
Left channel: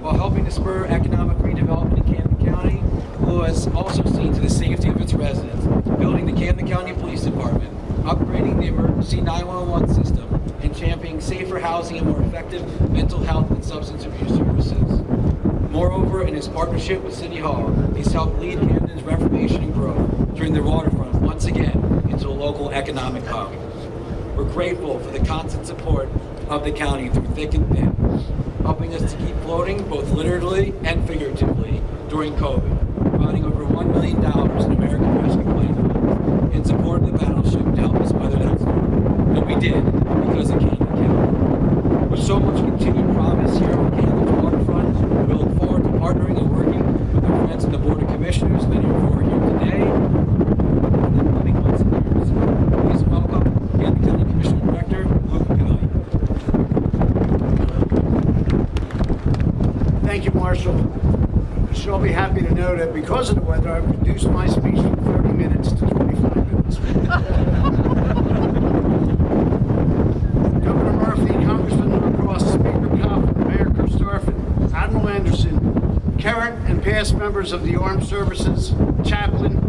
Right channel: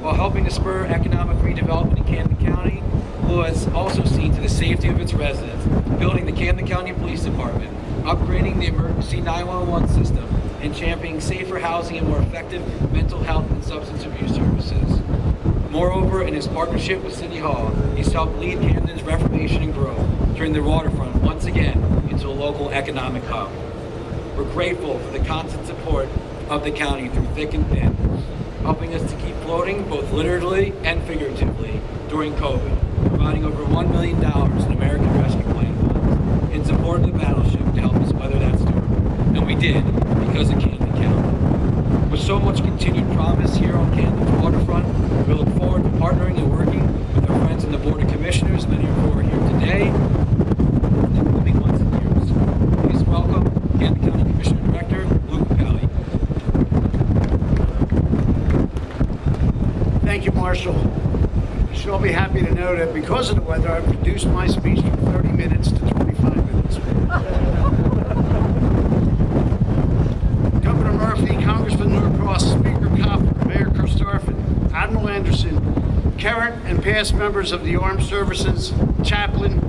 While helping to spur economic redevelopment in Camden County, Lou has also seen to the safety of its residents, building the Camden County Police Department, upgrading the emergency 911 system, and championing safer housing and more effective mental health and substance abuse services. Moreover, in his partnership with City Hall, he's helped lead Camden's reformation and growth, turning the waterfront once again into a local economic hub. We're grateful for the constant support of the county through thick and thin, helping us to keep floating both literally and figuratively during COVID, providing over $1 million in American Rescue Plan funds in support of the Battleship to help us weather that storm. And we did, because of Camden County. With so much continued promise here on Camden's waterfront, we look forward to partnering and working with our friends on the Board of Commissioners, many of who are here today, in the coming months and years. Please welcome Camden County Commissioner Director Luca Pelli. Thank you, Marshall. You should all be happy to know that because of the weather, I've reduced my speech from 30 minutes to 25 minutes. Governor Murphy, Congressman Norcross, Speaker Coughlin, Mayor Kirkstafford, Admiral Anderson, current and past members of the Armed Services, Chaplain,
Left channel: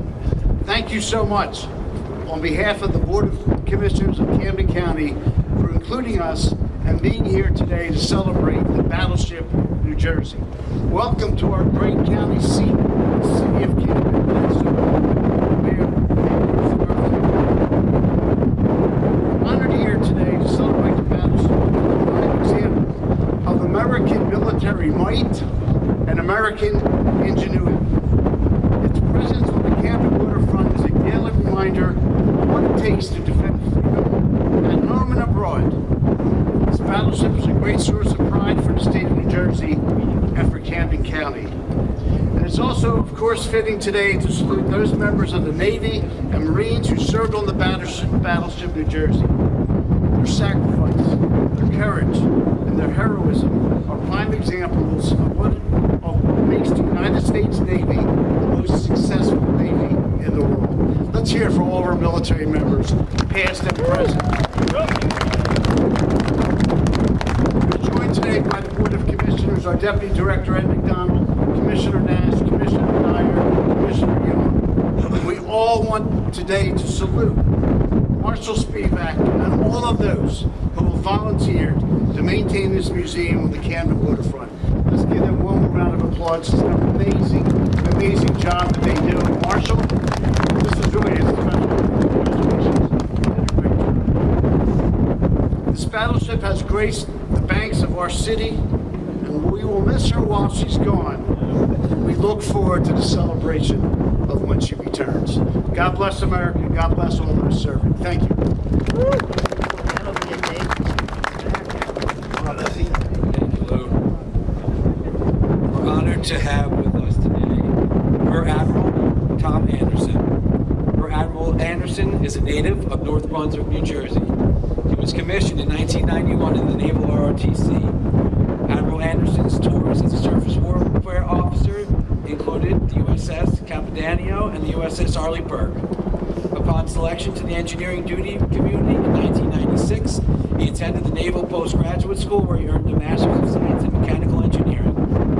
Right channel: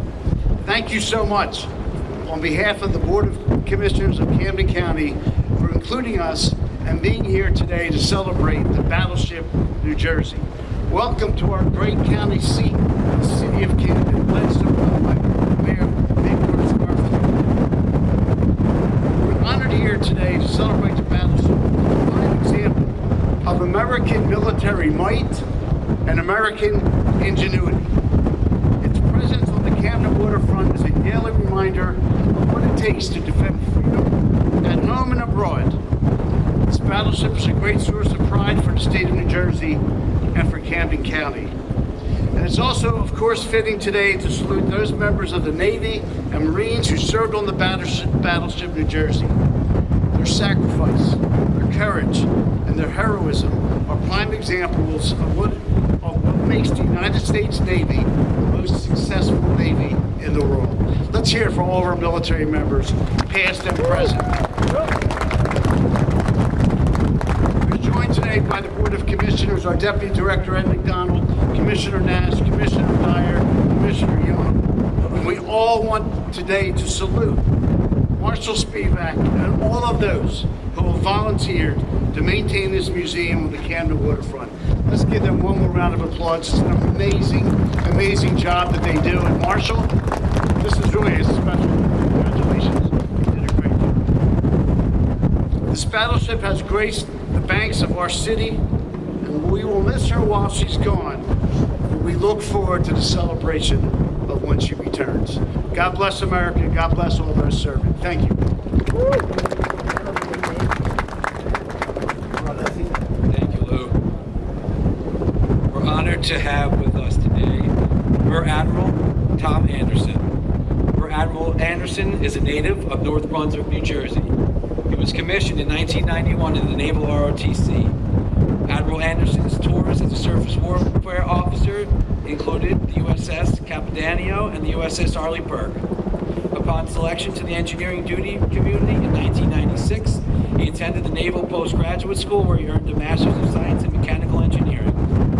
thank you so much on behalf of the Board of Commissioners of Camden County for including us and being here today to celebrate the Battleship New Jersey. Welcome to our great county seat, the city of Camden, led so well by Mayor Kirkstafford. We're honored here today to celebrate the Battleship, a fine example of American military might and American ingenuity. Its presence on the Camden waterfront is a daily reminder of what it takes to defend freedom at home and abroad. This battleship is a great source of pride for the state of New Jersey and for Camden County. And it's also, of course, fitting today to salute those members of the Navy and Marines who served on the Battleship New Jersey. Their sacrifice, their courage, and their heroism are prime examples of what makes the United States Navy the most successful Navy in the world. Let's hear it for all of our military members, past and present. We're joined today by the Board of Commissioners, our Deputy Director Ed McDonald, Commissioner Nash, Commissioner Dyer, Commissioner Young. And we all want today to salute Marshal Spivak and all of those who have volunteered to maintain this museum on the Camden waterfront. Let's give them one more round of applause. It's an amazing, amazing job that they do. And Marshal, this is really a special. Congratulations. You did a great job. This battleship has graced the banks of our city, and we will miss her while she's gone. We look forward to the celebration of when she returns. God bless America. God bless all those serving. Thank you. Thank you, Lou. We're honored to have with us today Rear Admiral Tom Anderson. Rear Admiral Anderson is a native of North Brunswick, New Jersey. He was commissioned in 1991 in the Naval ROTC. Admiral Anderson's tours as a surface warfare officer included the USS Capitanio and the USS Arleigh Burke. Upon selection to the engineering duty community in 1996, he attended the Naval Postgraduate School where he earned a Master's of Science in Mechanical Engineering.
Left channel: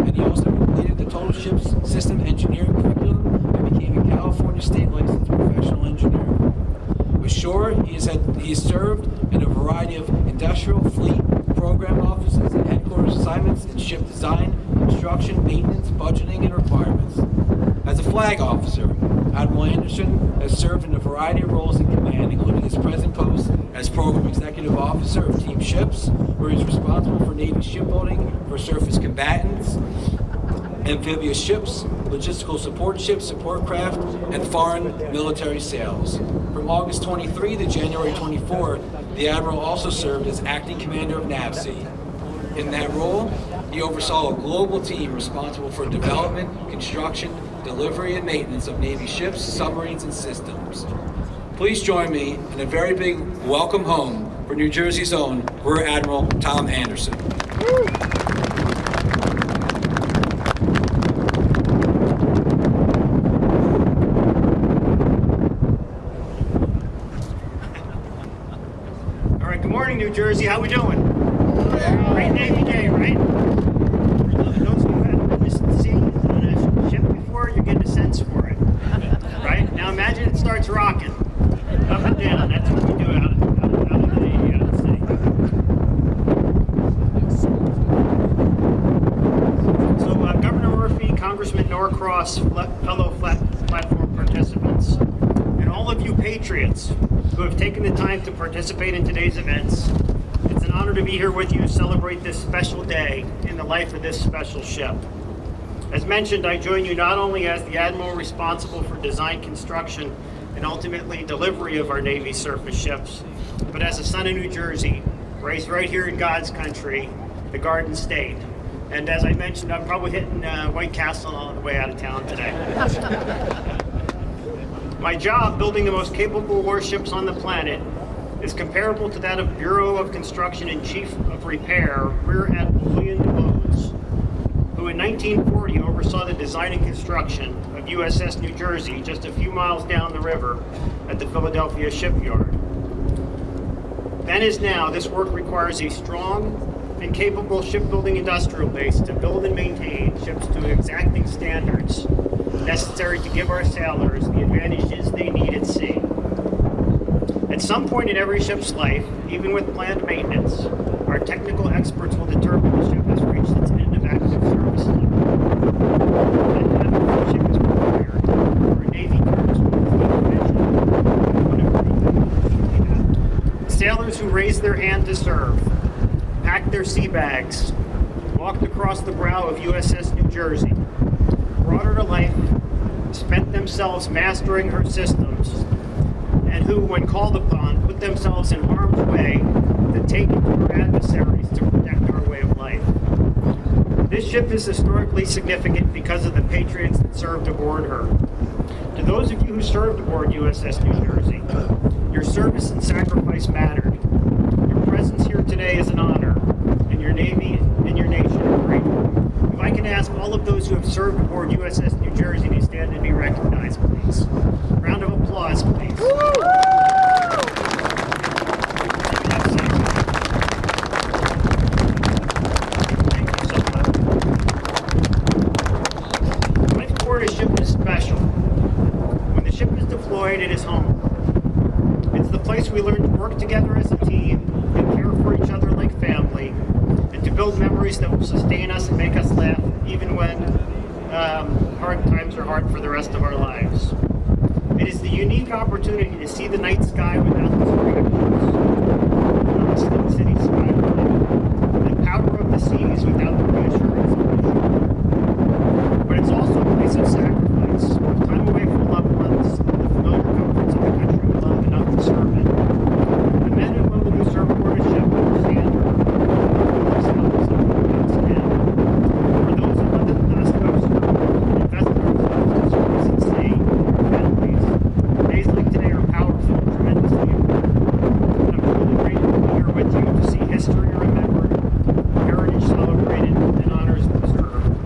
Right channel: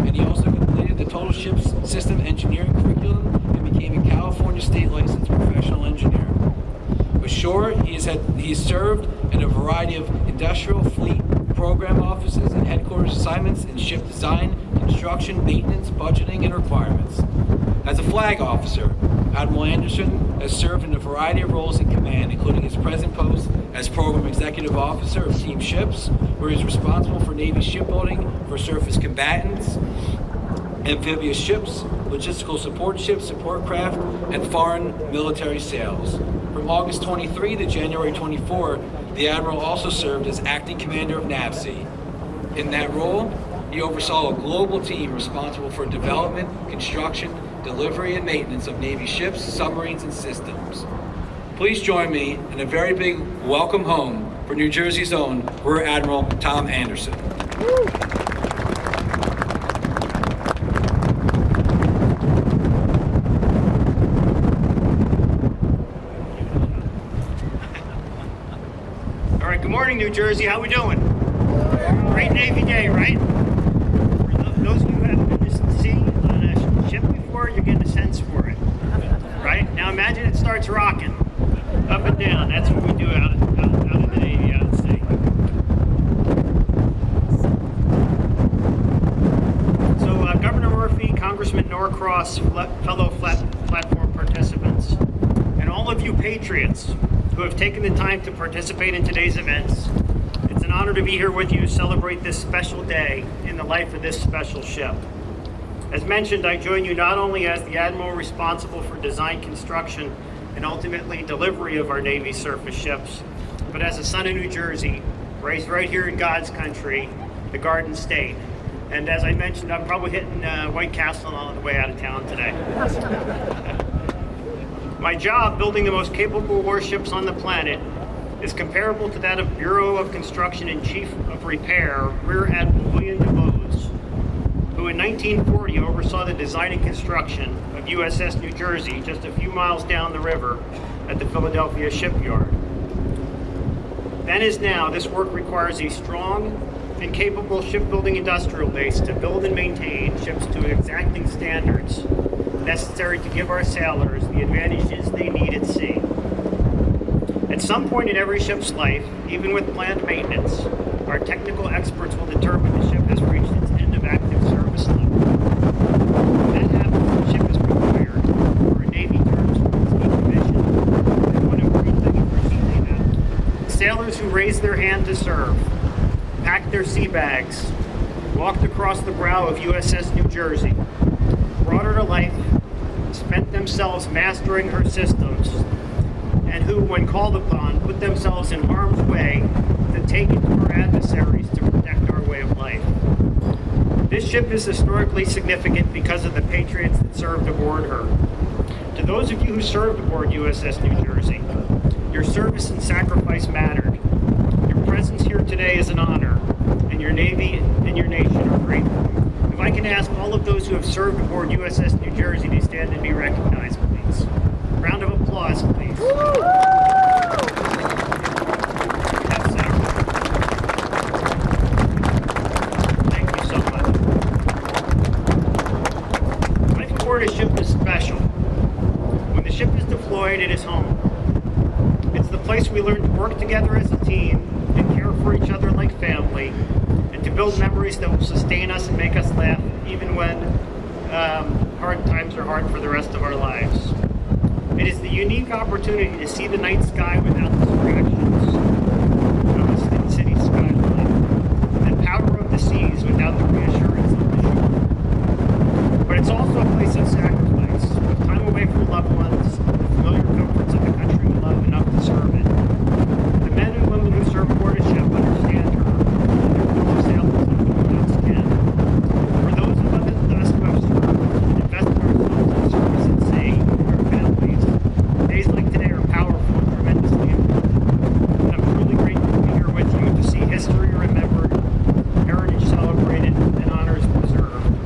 And he also completed the Total Ships System Engineering curriculum and became a California State Licensed Professional Engineer. Ashore, he has served in a variety of industrial, fleet, program offices, and headquarters assignments in ship design, construction, maintenance, budgeting, and requirements. As a flag officer, Admiral Anderson has served in a variety of roles in command, including his present post as Program Executive Officer of Team Ships, where he's responsible for Navy shipbuilding for surface combatants, amphibious ships, logistical support ships, support craft, and foreign military sales. From August 23 to January 24, the Admiral also served as Acting Commander of NAVSEA. In that role, he oversaw a global team responsible for development, construction, delivery, and maintenance of Navy ships, submarines, and systems. Please join me in a very big welcome home for New Jersey's own Rear Admiral Tom Anderson. Good morning, New Jersey. How we doing? Great Navy Day, right? For those of you who haven't been to sea on a ship before, you're getting a sense for it, right? Now imagine it starts rocking up and down. That's what we do out in the Navy, out at sea. So Governor Murphy, Congressman Norcross, fellow platform participants, and all of you patriots who have taken the time to participate in today's events. It's an honor to be here with you to celebrate this special day in the life of this special ship. As mentioned, I join you not only as the Admiral responsible for design, construction, and ultimately delivery of our Navy surface ships, but as a son of New Jersey, raised right here in God's country, the Garden State. And as I mentioned, I'm probably hitting White Castle on the way out of town today. My job, building the most capable warships on the planet, is comparable to that of Bureau of Construction and Chief of Repair, Rear Admiral William DeBose, who in 1940 oversaw the design and construction of USS New Jersey just a few miles down the river at the Philadelphia shipyard. Then as now, this work requires a strong and capable shipbuilding industrial base to build and maintain ships to exacting standards necessary to give our sailors the advantages they need at sea. At some point in every ship's life, even with planned maintenance, our technical experts will determine the ship has reached its end of active service life. When that happens, the ship is required, or in Navy terms, it's decommissioned. And one important thing for sea sailors who raised their hand to serve, packed their sea bags, walked across the brow of USS New Jersey, brought her to life, spent themselves mastering her systems, and who, when called upon, put themselves in harm's way to take it to her adversaries to protect our way of life. This ship is historically significant because of the patriots that served aboard her. To those of you who served aboard USS New Jersey, your service and sacrifice mattered. Your presence here today is an honor, and your Navy and your nation are grateful. If I can ask all of those who have served aboard USS New Jersey to stand and be recognized, please. Round of applause, please. Thank you so much. Life aboard a ship is special. When the ship is deployed, it is home. It's the place we learn to work together as a team and care for each other like family, and to build memories that will sustain us and make us laugh even when hard times are hard for the rest of our lives. It is the unique opportunity to see the night sky without distractions of the city skyline, and the power of the seas without the reassurance of the shore. But it's also a place of sacrifice, with time away from loved ones and the familiar comforts of the country we love enough to serve it. The men and women who serve aboard a ship understand her, and their fellow sailors like no one else can. For those of us who have served and invested ourselves in service at sea and our families, days like today are powerful and tremendously important. And I'm truly grateful to be here with you to see history remembered, heritage celebrated, and honors preserved.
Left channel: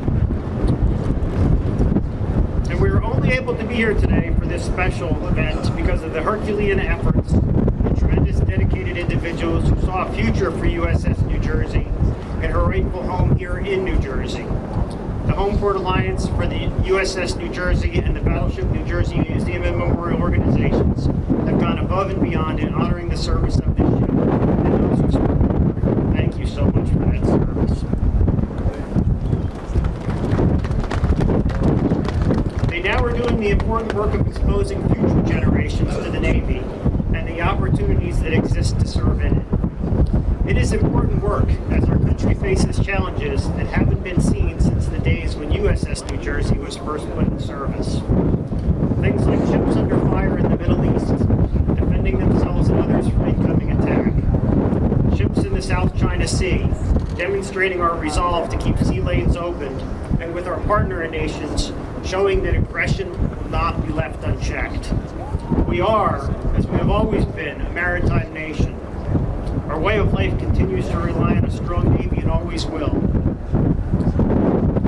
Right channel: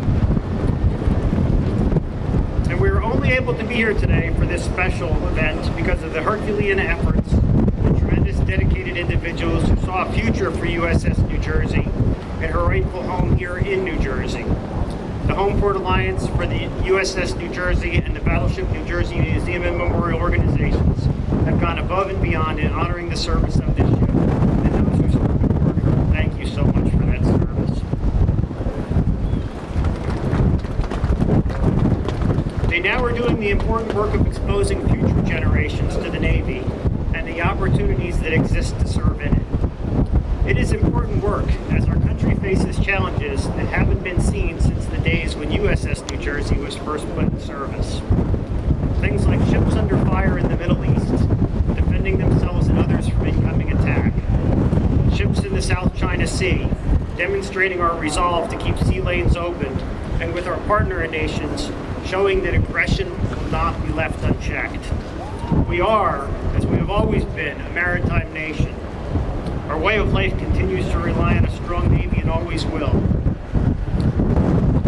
And we are only able to be here today for this special event because of the Herculean efforts and tremendous dedicated individuals who saw a future for USS New Jersey and her rightful home here in New Jersey. The Home Port Alliance for the USS New Jersey and the Battleship New Jersey Museum and Memorial organizations have gone above and beyond in honoring the service of this ship and those who served aboard her. Thank you so much for that service. They now are doing the important work of exposing future generations to the Navy and the opportunities that exist to serve in it. It is important work as our country faces challenges that haven't been seen since the days when USS New Jersey was first put in service. Things like ships under fire in the Middle East, defending themselves and others from incoming attack. Ships in the South China Sea, demonstrating our resolve to keep sea lanes open, and with our partner nations, showing that aggression will not be left unchecked. We are, as we have always been, a maritime nation. Our way of life continues to rely on a strong Navy and always will.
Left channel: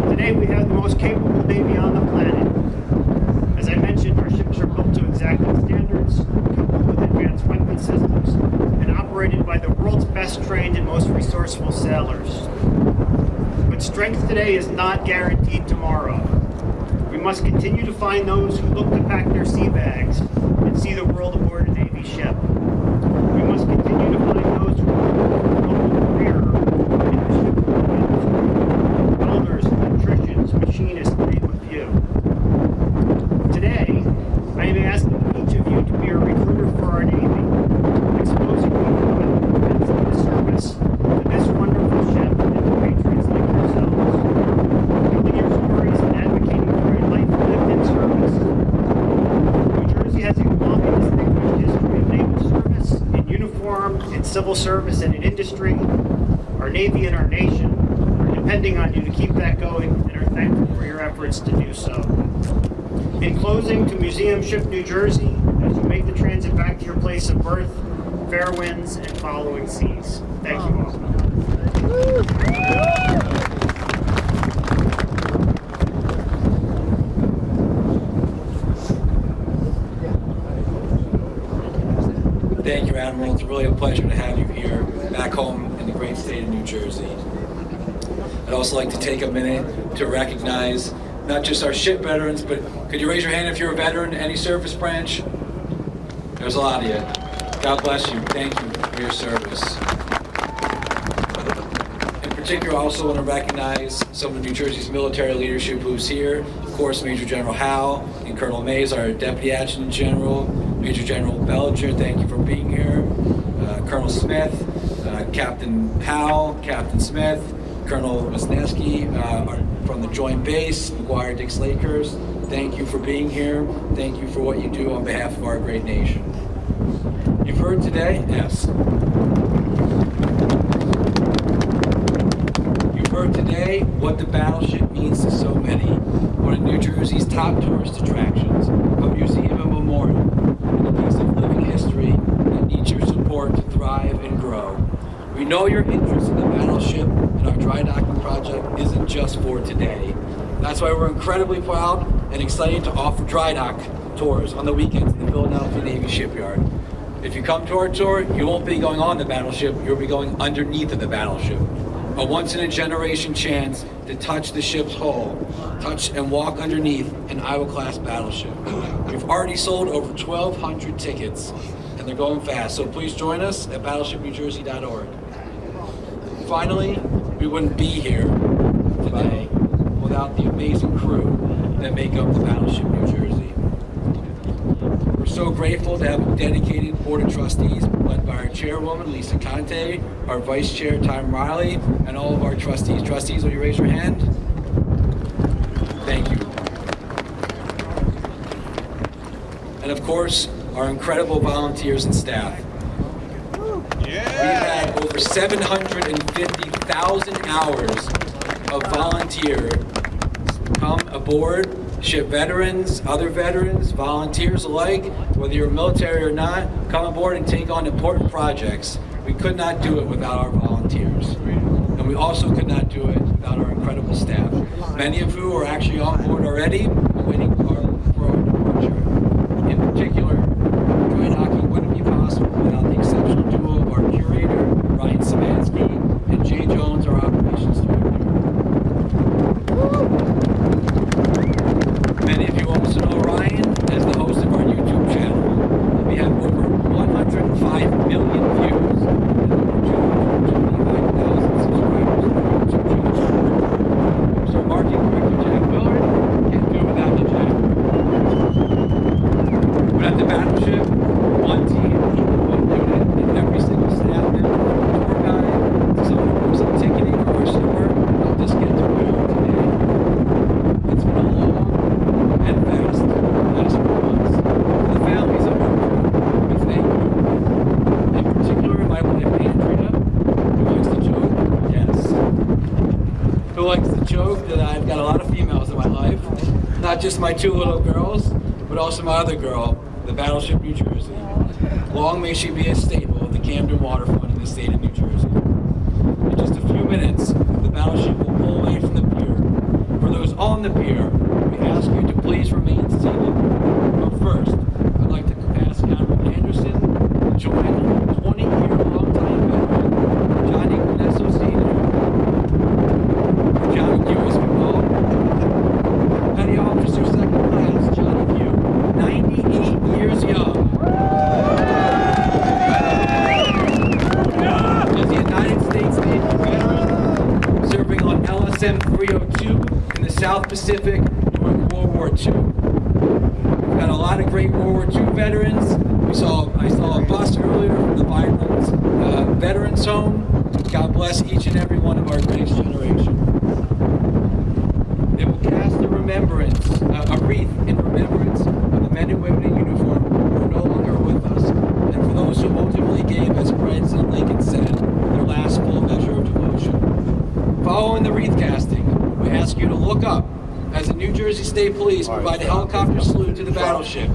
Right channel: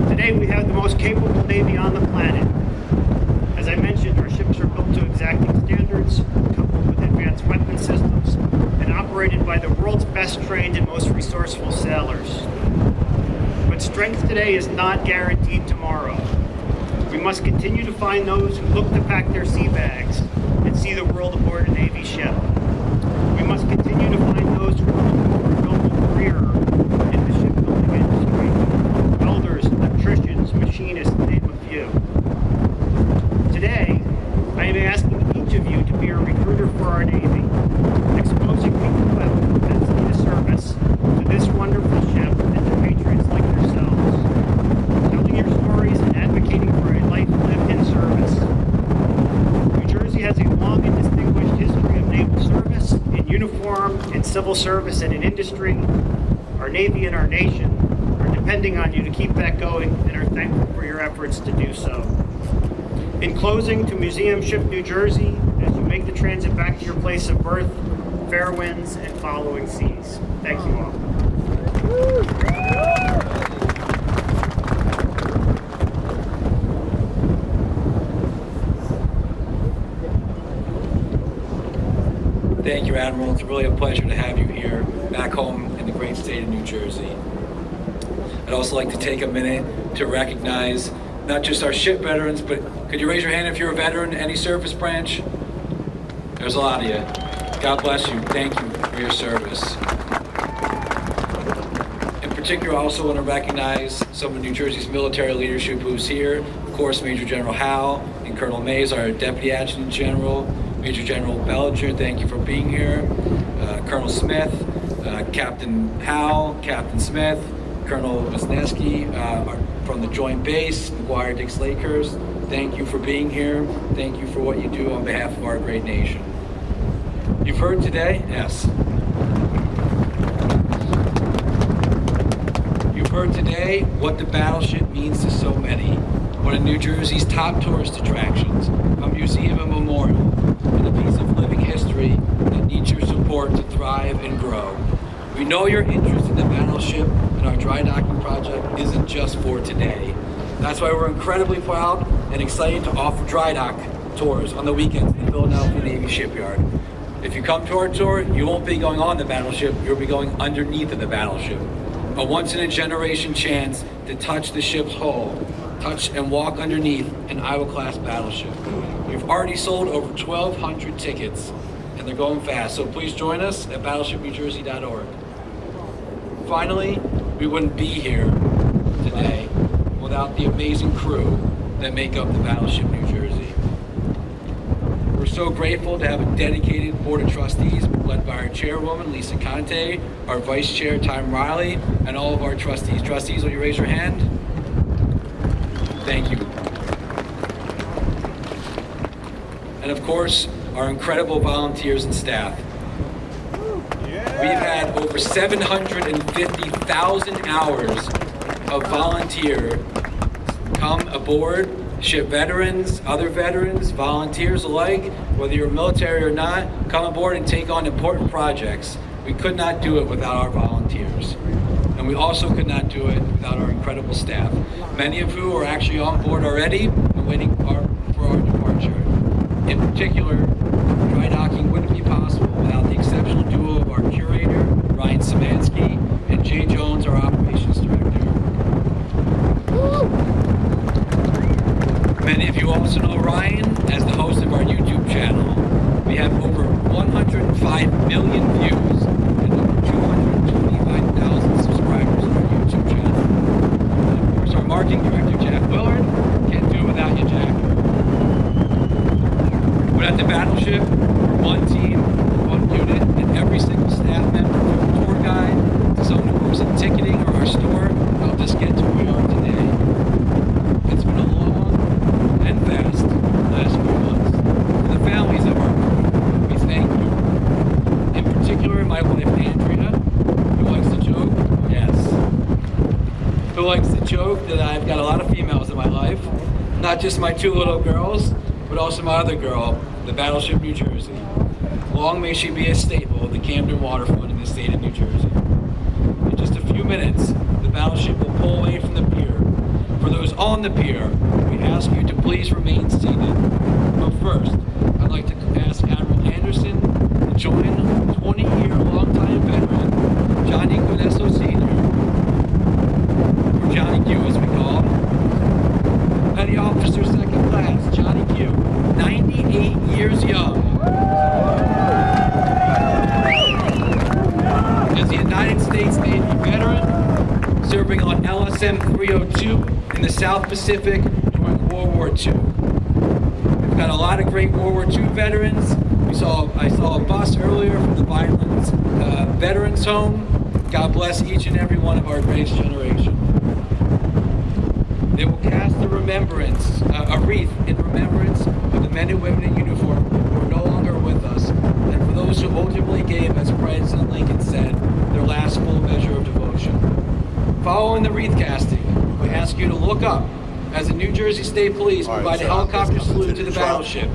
Today we have the most capable Navy on the planet. As I mentioned, our ships are built to exacting standards, coupled with advanced weapon systems, and operated by the world's best trained and most resourceful sailors. But strength today is not guaranteed tomorrow. We must continue to find those who look to pack their sea bags and see the world aboard a Navy ship. We must continue to find those who are looking for a noble career in the shipbuilding industry. Welders, electricians, machinists, to name a few. Today, I am asking each of you to be a recruiter for our Navy, exposing people who have a propensity to service to this wonderful ship and to patriots like yourselves, telling your stories and advocating for a life lived in service. New Jersey has a long and distinguished history of naval service, in uniform, in civil service, and in industry. Our Navy and our nation are depending on you to keep that going and are thankful for your efforts to do so. In closing, to Museum Ship New Jersey, as you make the transit back to your place of birth, fair winds and following seas. Thank you all. Thank you, Admiral. It's really a pleasure to have you here back home in the great state of New Jersey. I'd also like to take a minute to recognize not just our ship veterans, but could you raise your hand if you're a veteran, any service branch? There's a lot of you. God bless you. Thank you for your service. In particular, I also want to recognize some of New Jersey's military leadership who's here. Of course, Major General Howe and Colonel Mays, our Deputy Adjutant General. Major General Bellinger, thank you for being here. Colonel Smith, Captain Howe, Captain Smith, Colonel Wisniewski, our from the Joint Base, McGuire-Dix Lakers, thank you for being here. Thank you for what you do on behalf of our great nation. You've heard today? Yes. You've heard today what the Battleship means to so many. One of New Jersey's top tourist attractions, a museum and memorial, and a piece of living history that needs your support to thrive and grow. We know your interest in the Battleship and our dry docking project isn't just for today. That's why we're incredibly proud and excited to offer dry dock tours on the weekends at the Philadelphia Navy Shipyard. If you come to our tour, you won't be going on the Battleship, you'll be going underneath of the Battleship. A once-in-a-generation chance to touch the ship's hull, touch and walk underneath an Iowa-class battleship. We've already sold over 1,200 tickets, and they're going fast, so please join us at battleshipnewjersey.org. Finally, we wouldn't be here today without the amazing crew that make up the Battleship New Jersey. We're so grateful to have a dedicated board of trustees led by our chairwoman, Lisa Conte, our vice chair, Tom Riley, and all of our trustees. Trustees, will you raise your hand? Thank you. And of course, our incredible volunteers and staff. We've had over 750,000 hours of volunteer come aboard, ship veterans, other veterans, volunteers alike, whether you're military or not, come aboard and take on important projects. We could not do it without our volunteers. And we also could not do it without our incredible staff, many of who are actually on board already and waiting for our departure. In particular, dry docking wouldn't be possible without the exceptional duo of our curator, Ryan Szymanski, and Jay Jones, our operations director. Many of you also know Ryan as the host of our YouTube channel. We have over 105 million views and over 225,000 subscribers on our YouTube channel. And of course, our marketing director, Jack Willard. Can't do it without you, Jack. But at the Battleship, we're one team, one unit, and every single staff member, from a tour guide to someone who works in ticketing or our store, helped us get to where we are today. It's been a long and fast last few months. For the families of our crew, we thank you. In particular, my wife Andrea, who likes to joke, yes, who likes to joke that I've got a lot of females in my life, not just my two little girls, but also my other girl, the Battleship New Jersey. Long may she be a staple of the Camden waterfront in the state of New Jersey. In just a few minutes, the Battleship will pull away from the pier. For those on the pier, we ask you to please remain seated. But first, I'd like to ask Admiral Anderson to join 20-year longtime veteran Johnny Gunesso Sr., or Johnny Q as we call him, Petty Officer Second Class Johnny Q, 98 years young. As a United States Navy veteran, serving on LSM 302 in the South Pacific during World War II. We've got a lot of great World War II veterans. I saw a bus earlier from the Vinelands Veterans Home. God bless each and every one of our greatest generation. They will cast a wreath in remembrance of the men and women in uniform who are no longer with us, and for those who ultimately gave, as President Lincoln said, their last full measure of devotion. Following the wreath casting, we ask you to look up as the New Jersey State Police provide a helicopter salute to the Battleship,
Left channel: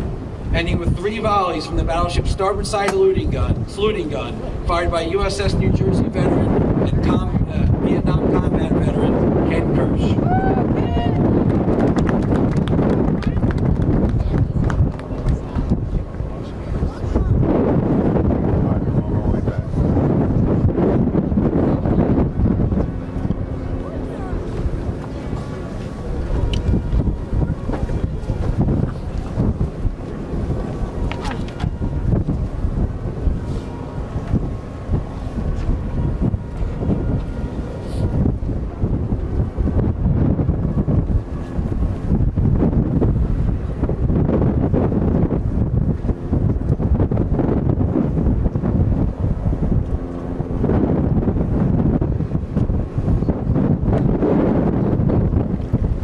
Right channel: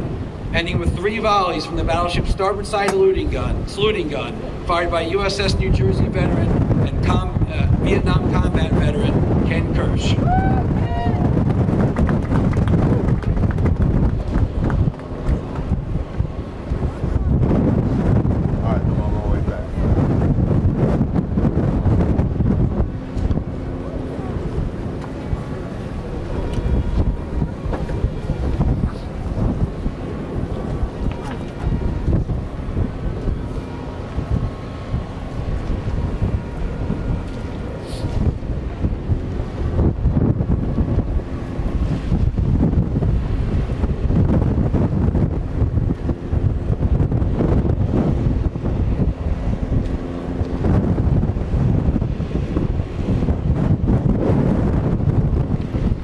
ending with 3 volleys from the Battleship's starboard side saluting gun, fired by USS New Jersey veteran and Vietnam combat veteran Ken Kirsch.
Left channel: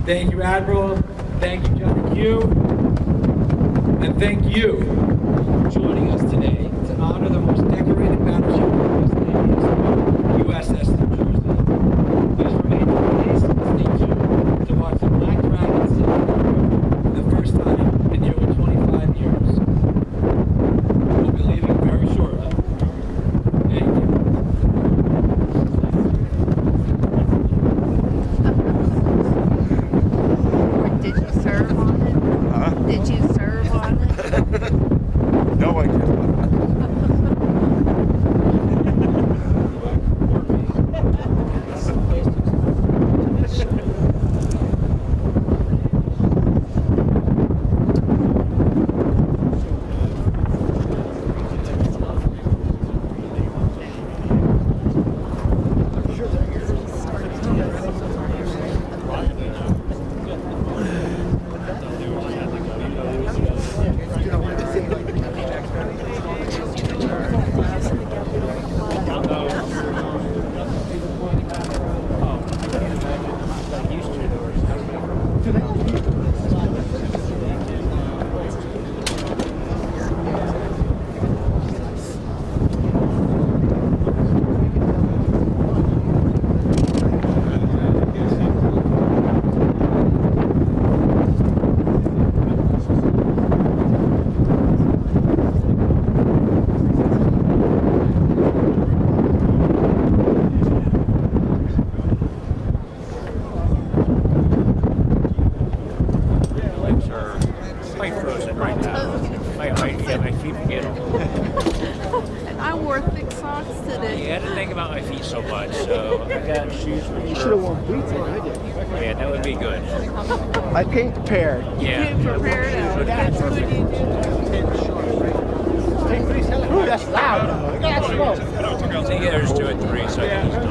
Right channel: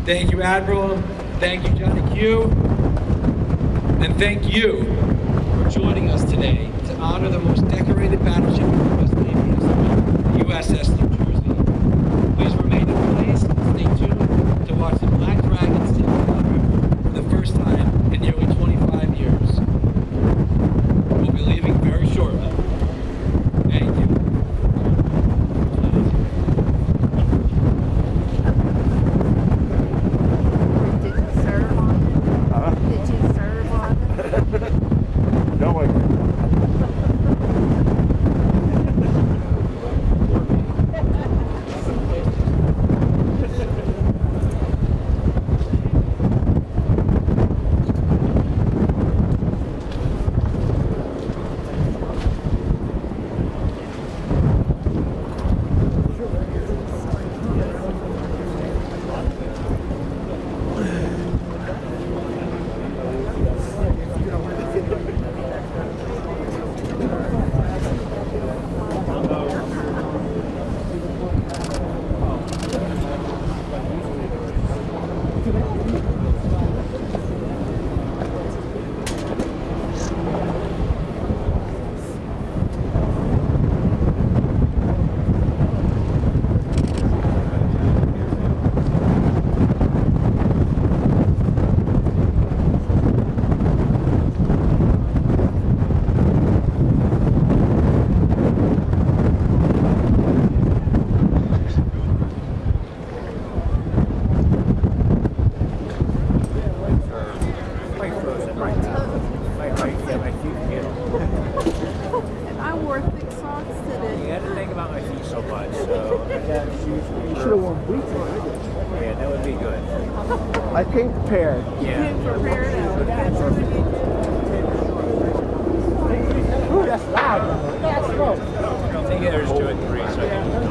Thank you, Admiral. Thank you, Johnny Q. And thank you for joining us today to honor the most decorated battleship in U.S. Navy history, the USS New Jersey. Please remain in place and stay tuned to watch the Black Dragon sail the Delaware River for the first time in nearly 25 years. We'll be leaving very shortly. Thank you. Did you serve on it? Huh? Did you serve on it? No, I can't. And I wore thick socks today. Yeah, I didn't think about my feet so much, so I got shoes. You should have worn boots like I did. Yeah, that would be good. I came prepared. Yeah. You prepared it. Ooh, that's loud. That's slow. I think there's 2 and 3, so I can just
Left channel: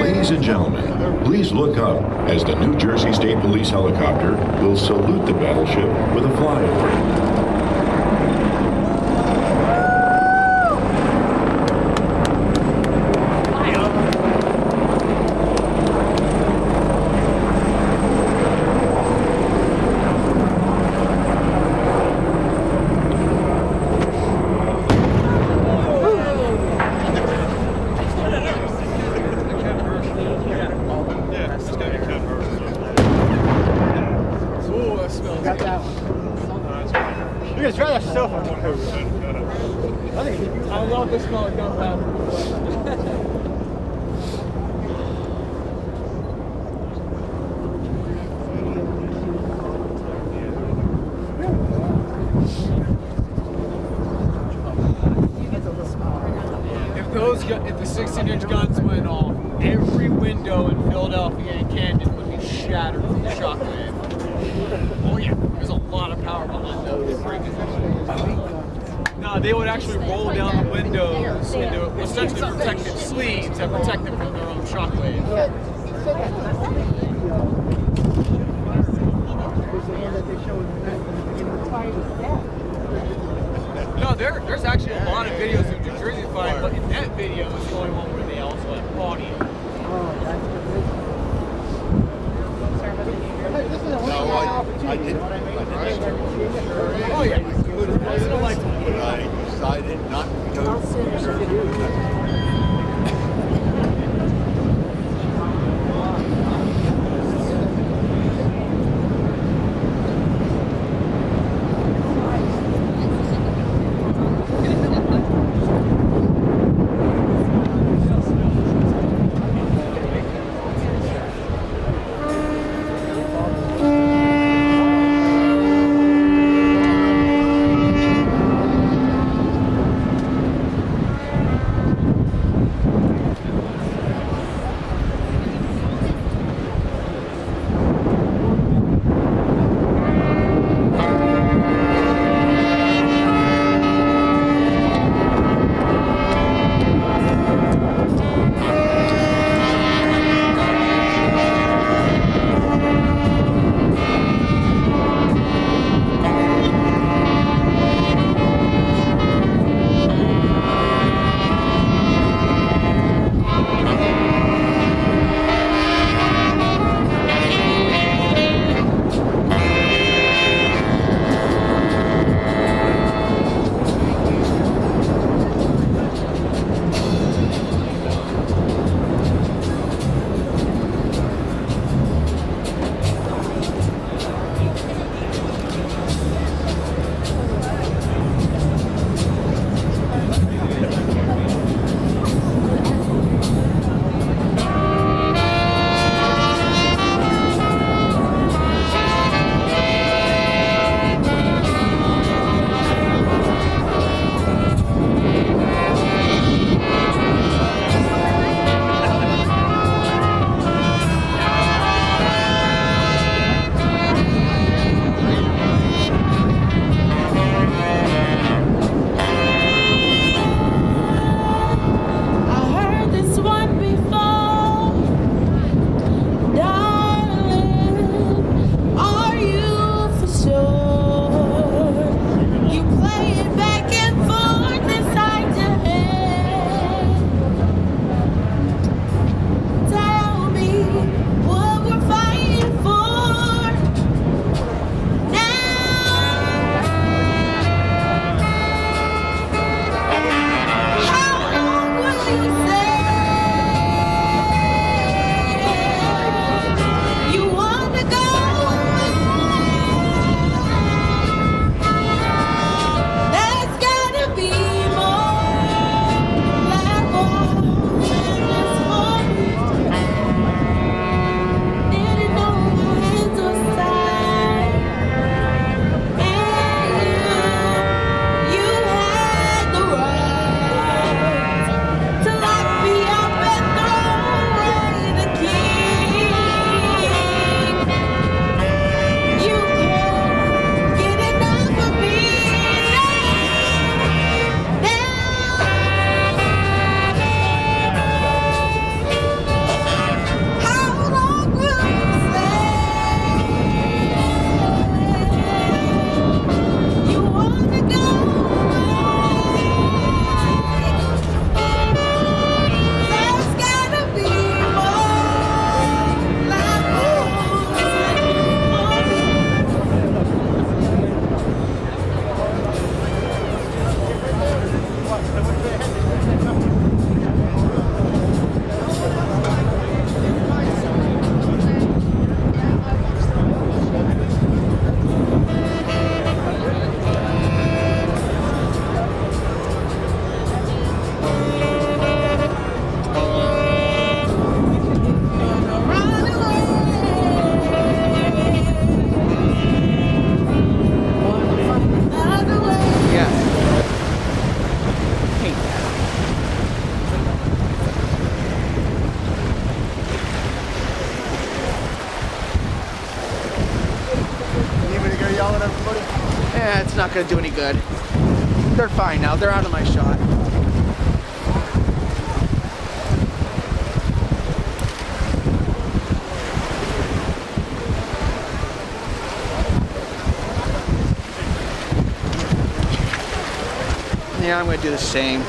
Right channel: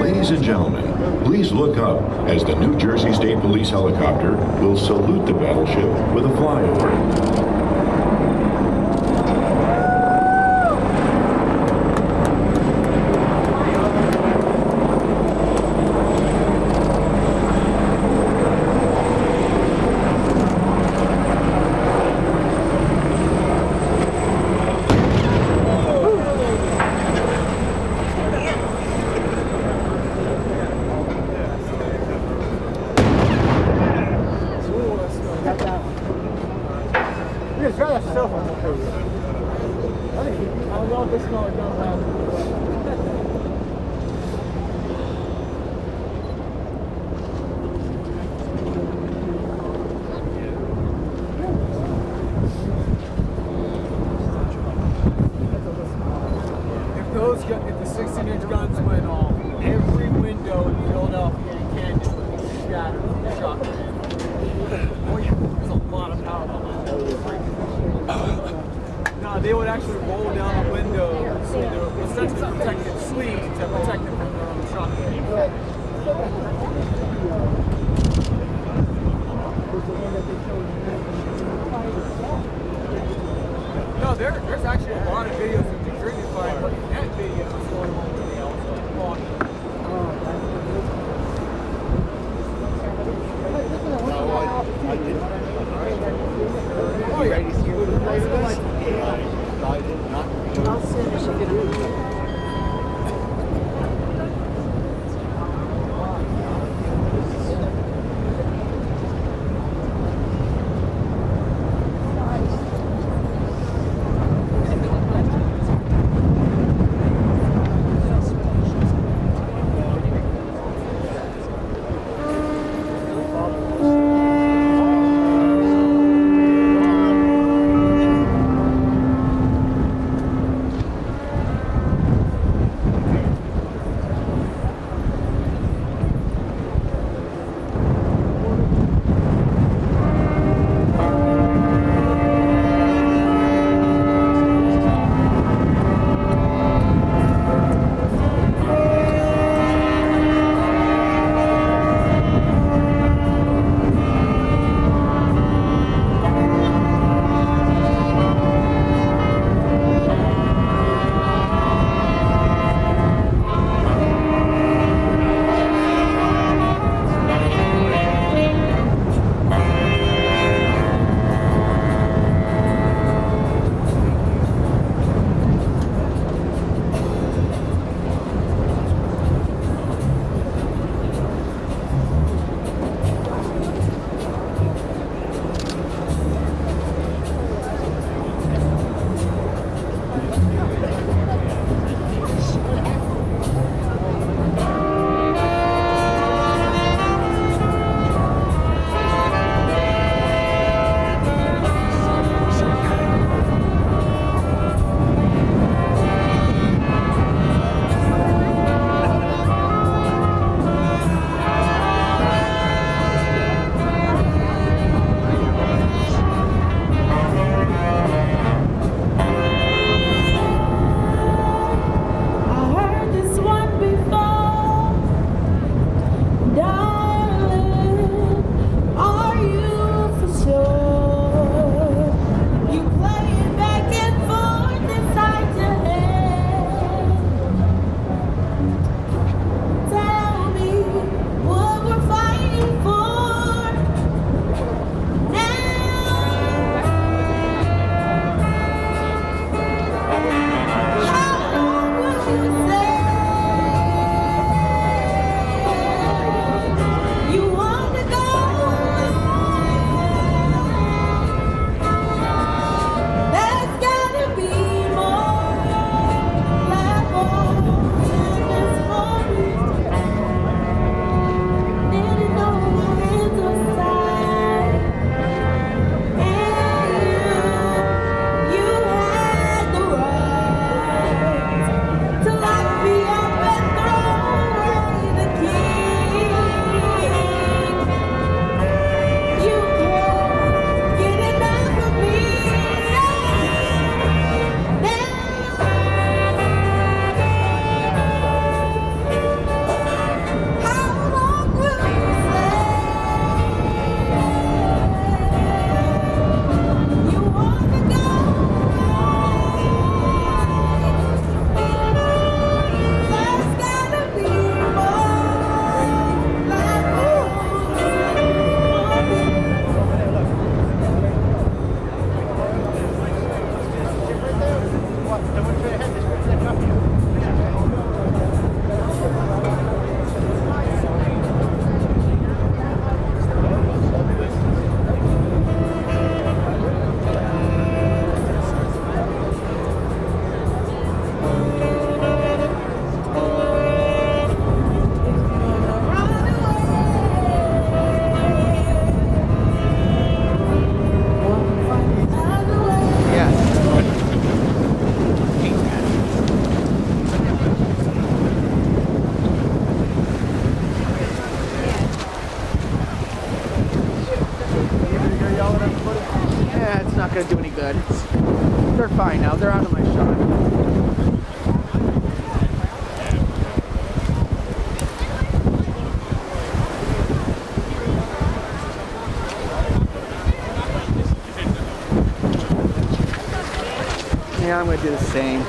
Ladies and gentlemen, please look up as the New Jersey State Police helicopter will salute the battleship with a flyover. If the 16-inch guns went off, every window in Philadelphia and Camden would be shattered from the shockwave. Oh yeah, there's a lot of power behind that. No, they would actually roll down the windows into essentially protected sleeves that protect them from their own shockwave. No, there's actually a lot of videos of New Jersey flying, but in that video is the only one where they also fought it. I did. Oh yeah. I decided not to go. gonna do any good. They're fine now. They're out of my shot. Yeah, I'm gonna do the same.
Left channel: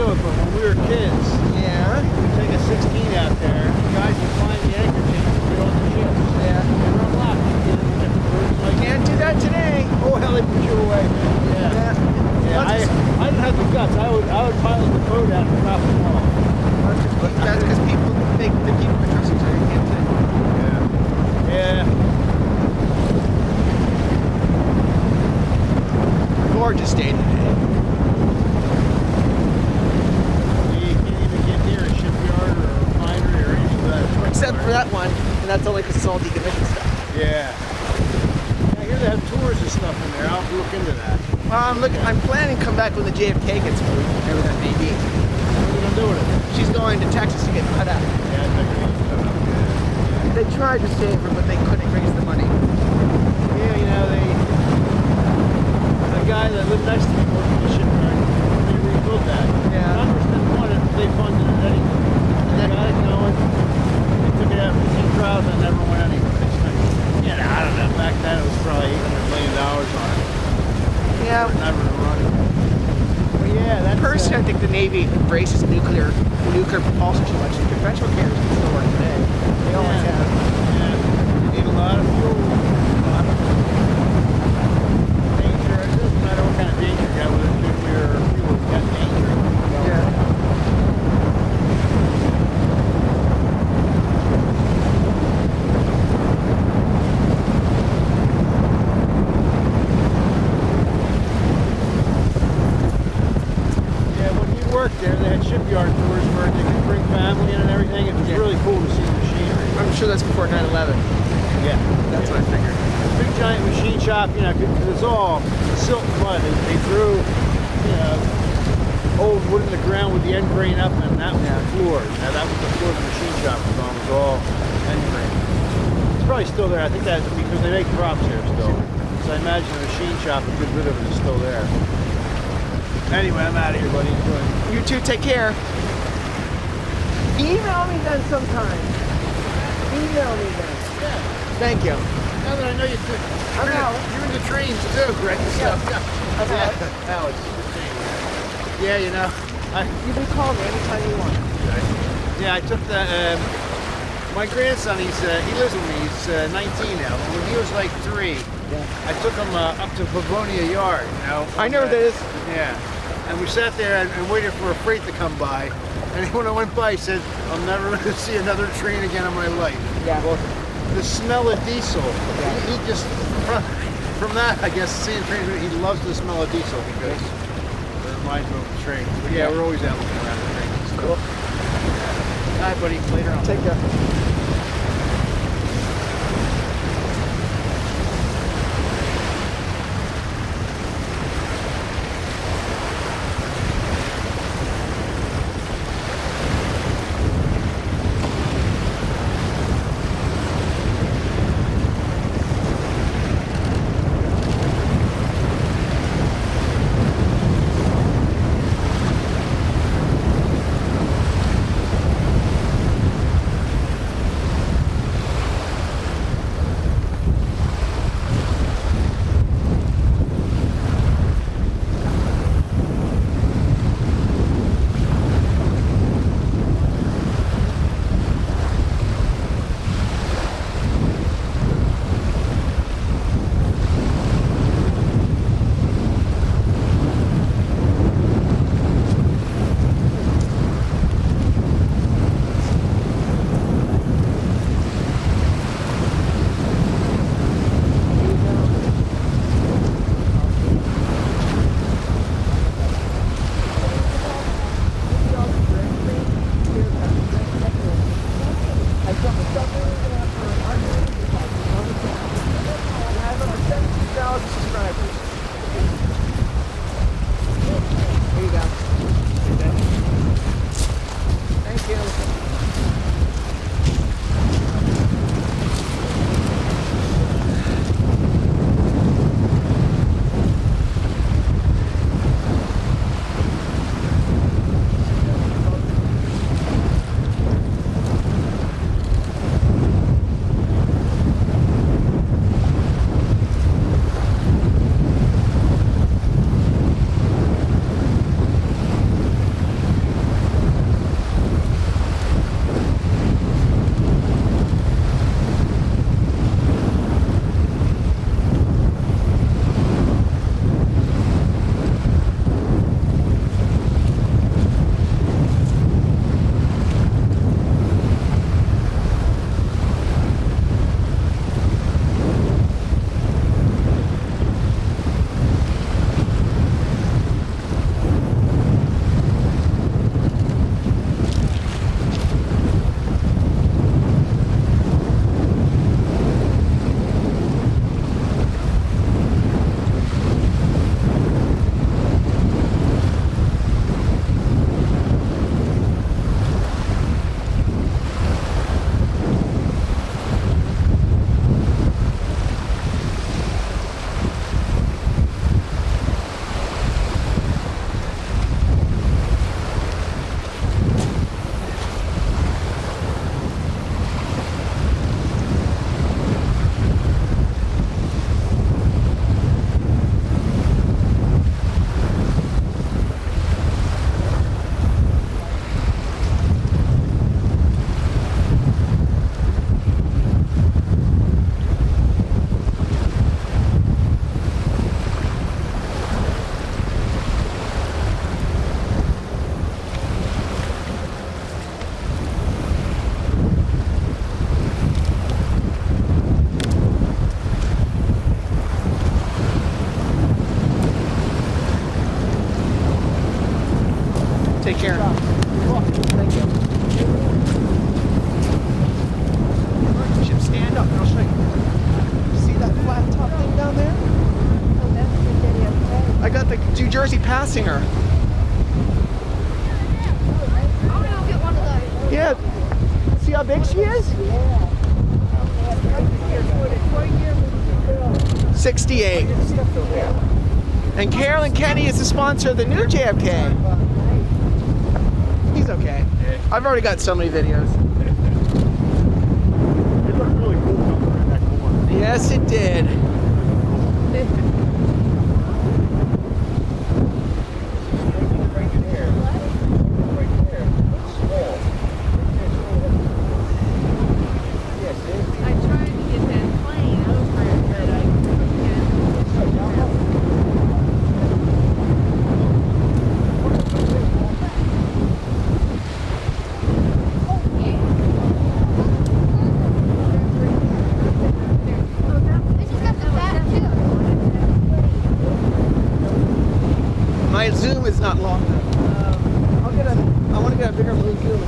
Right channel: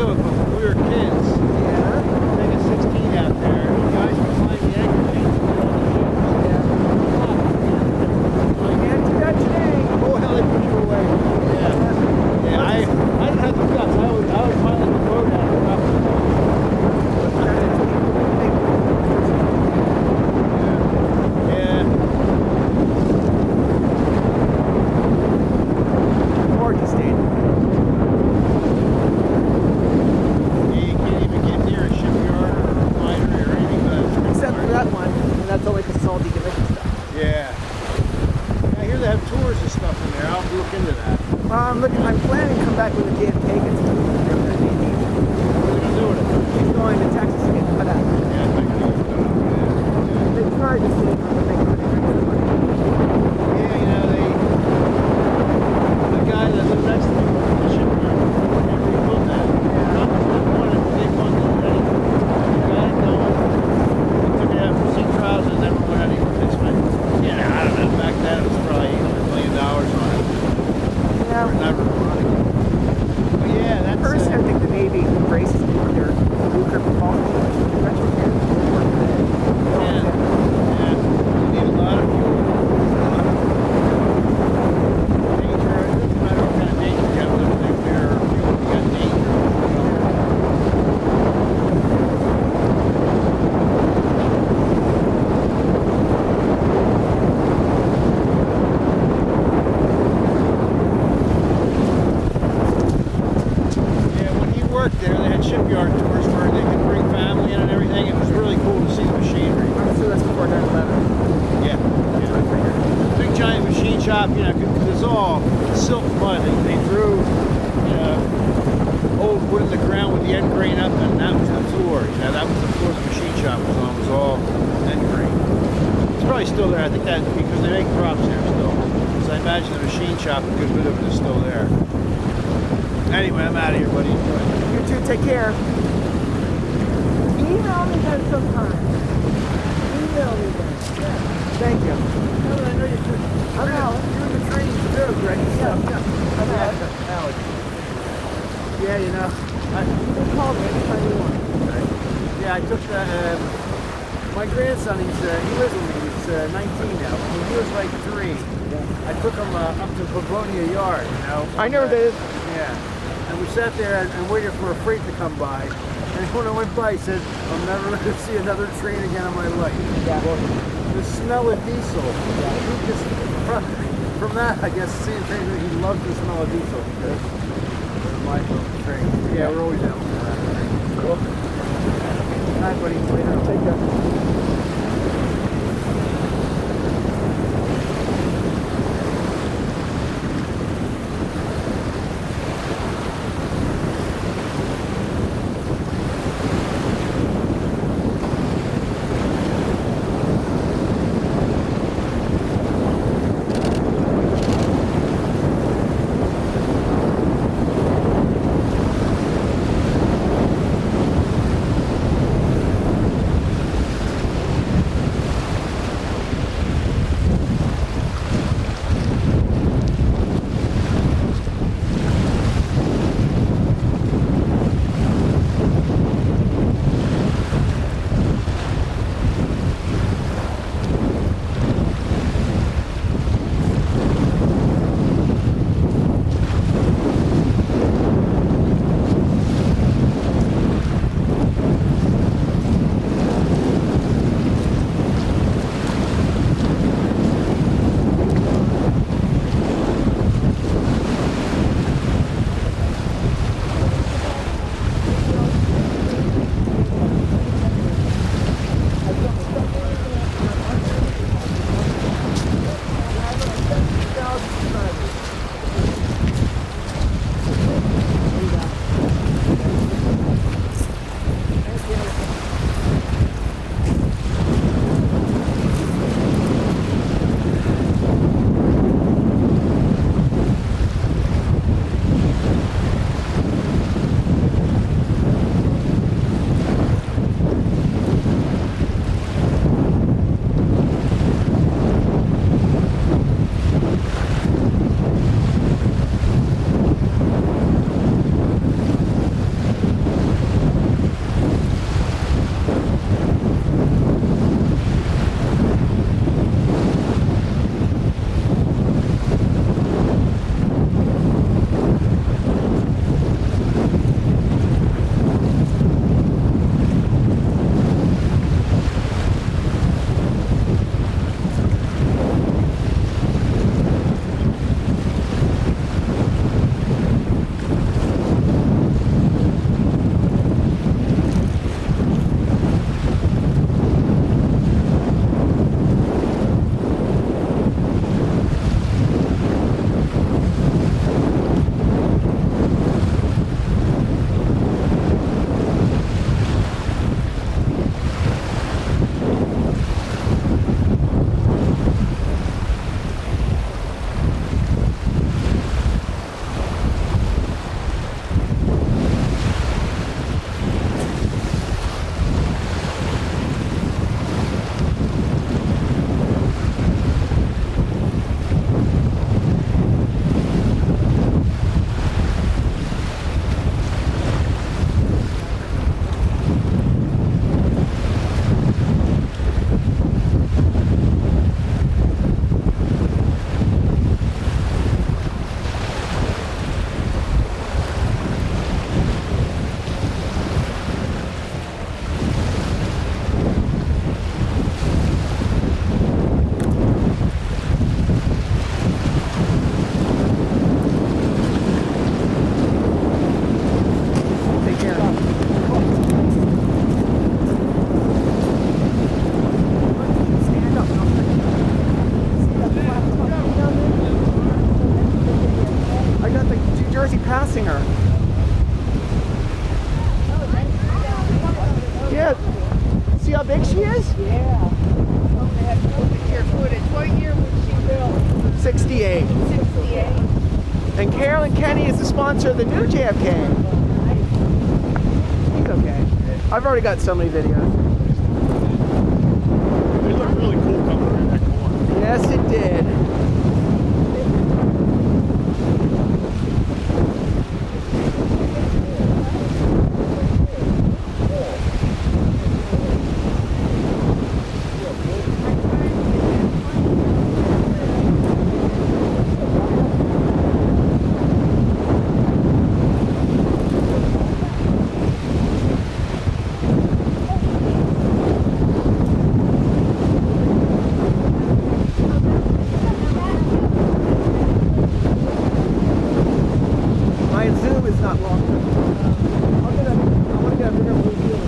do it, but when we were kids, we'd take a 16 out there, and guys would find the anchor chains and get on the ships. Yeah. They were unlocked. You get into different rooms. Like, Can't do that today. oh, hell, they put you away, man. Yeah, I didn't have the guts. I would pilot the boat out and drop them off. But that's because people, they keep the trust, so you can't do it. Yeah. Gorgeous day today. You can't even get near a shipyard or a refinery or anything without a truck. Except for that one, and that's only because it's all decommissioned stuff. Yeah. I hear they have tours and stuff in there. I'll look into that. Well, I'm planning to come back when the JFK gets moved, whatever that may be. What are they going to do with it? She's going to Texas to get cut out. Yeah, I think they get cut out. Yeah. They tried to save her, but they couldn't raise the money. Yeah, you know, the guy that lived next to me worked in the shipyard when they rebuilt that. Yeah. Congress didn't want it, but they funded it anyway. And they got it going. They took it out for sea trials and it never went anywhere. They spent, I don't know, back then it was probably $800 million on it. Yeah. For never running. But yeah, that's... Personally, I think the Navy embraces nuclear propulsion too much. Conventional carriers can still work today. They always have. Yeah. You need a lot of fuel. A lot of danger. It doesn't matter what kind of danger you got, whether it's nuclear or fuel, you got danger. Worked there, they had shipyard tours where they could bring family in and everything. It was really cool to see the machinery. I'm sure that's before 9/11. Yeah, that's what I figured. Big giant machine shop, because it's all silt mud. They threw, old wood in the ground with the end grain up, and that was the floor. That was the floor the machine shop was on. It was all end grain. It's probably still there. I think that because they make props here still. So I imagine the machine shop, a good bit of it is still there. Anyway, I'm out of here, buddy. Enjoy. You too, take care. Email me then sometime. Email me then. Yeah. Thank you. Now that I know you're in the trains too, Greg. I'm out. Alex. Yeah, you can call me anytime you want. Yeah, I took my grandson, he lives with me, he's 19 now. When he was like 3, I took him up to Pavonia Yard, I know where that is. Yeah. And we sat there and waited for a freight to come by. And when I went by, he said, I'm never going to see another train again in my life. Yeah. Well, the smell of diesel, he just, from that, I guess, seeing trains, he loves the smell of diesel because it reminds him of the train. But yeah, we're always out looking around the trains. Cool. All right, buddy, later on. Take care. New Jersey Passing her. Yeah. See how big she is? Yeah. What year was she built? 68. 68. And Carolyn Kenny is the sponsor of the new JFK. He's okay. I've already got so many videos. It looked really cool coming around that corner. Yes, it did. My zoom is not long enough. I want to get a bigger blue view.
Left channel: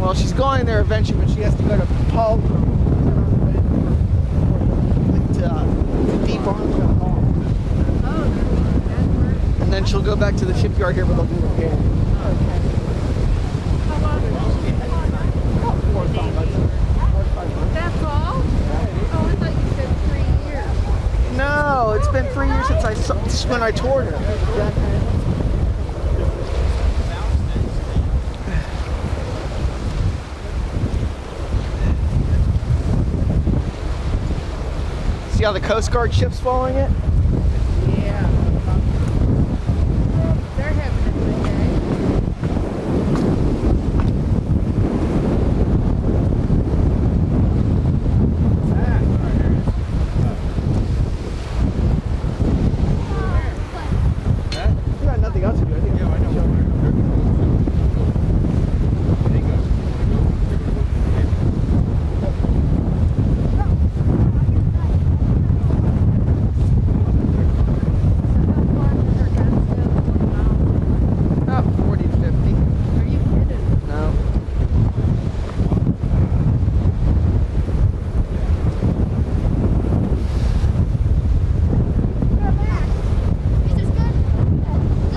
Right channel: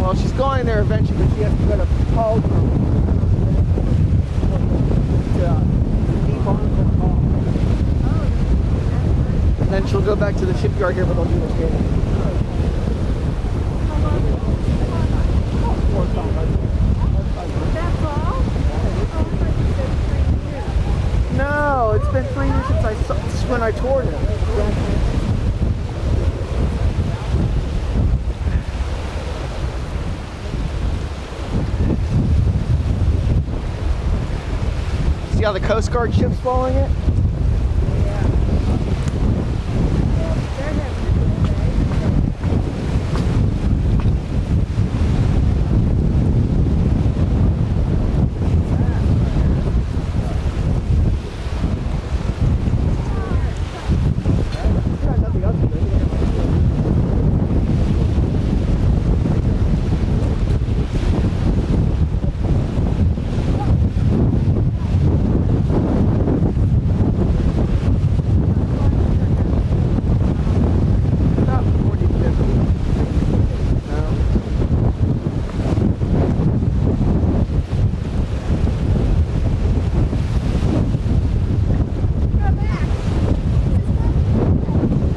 Well, she's going there eventually, but she has to go to Paul. And then she'll go back to the shipyard here, but they'll do repair. That's all? Oh, I thought you said 3 years. No, it's been 3 years since when I toured her. See how the Coast Guard ship's following it? Yeah. They're having a good day. You got nothing else to do. About 40 to 50. No.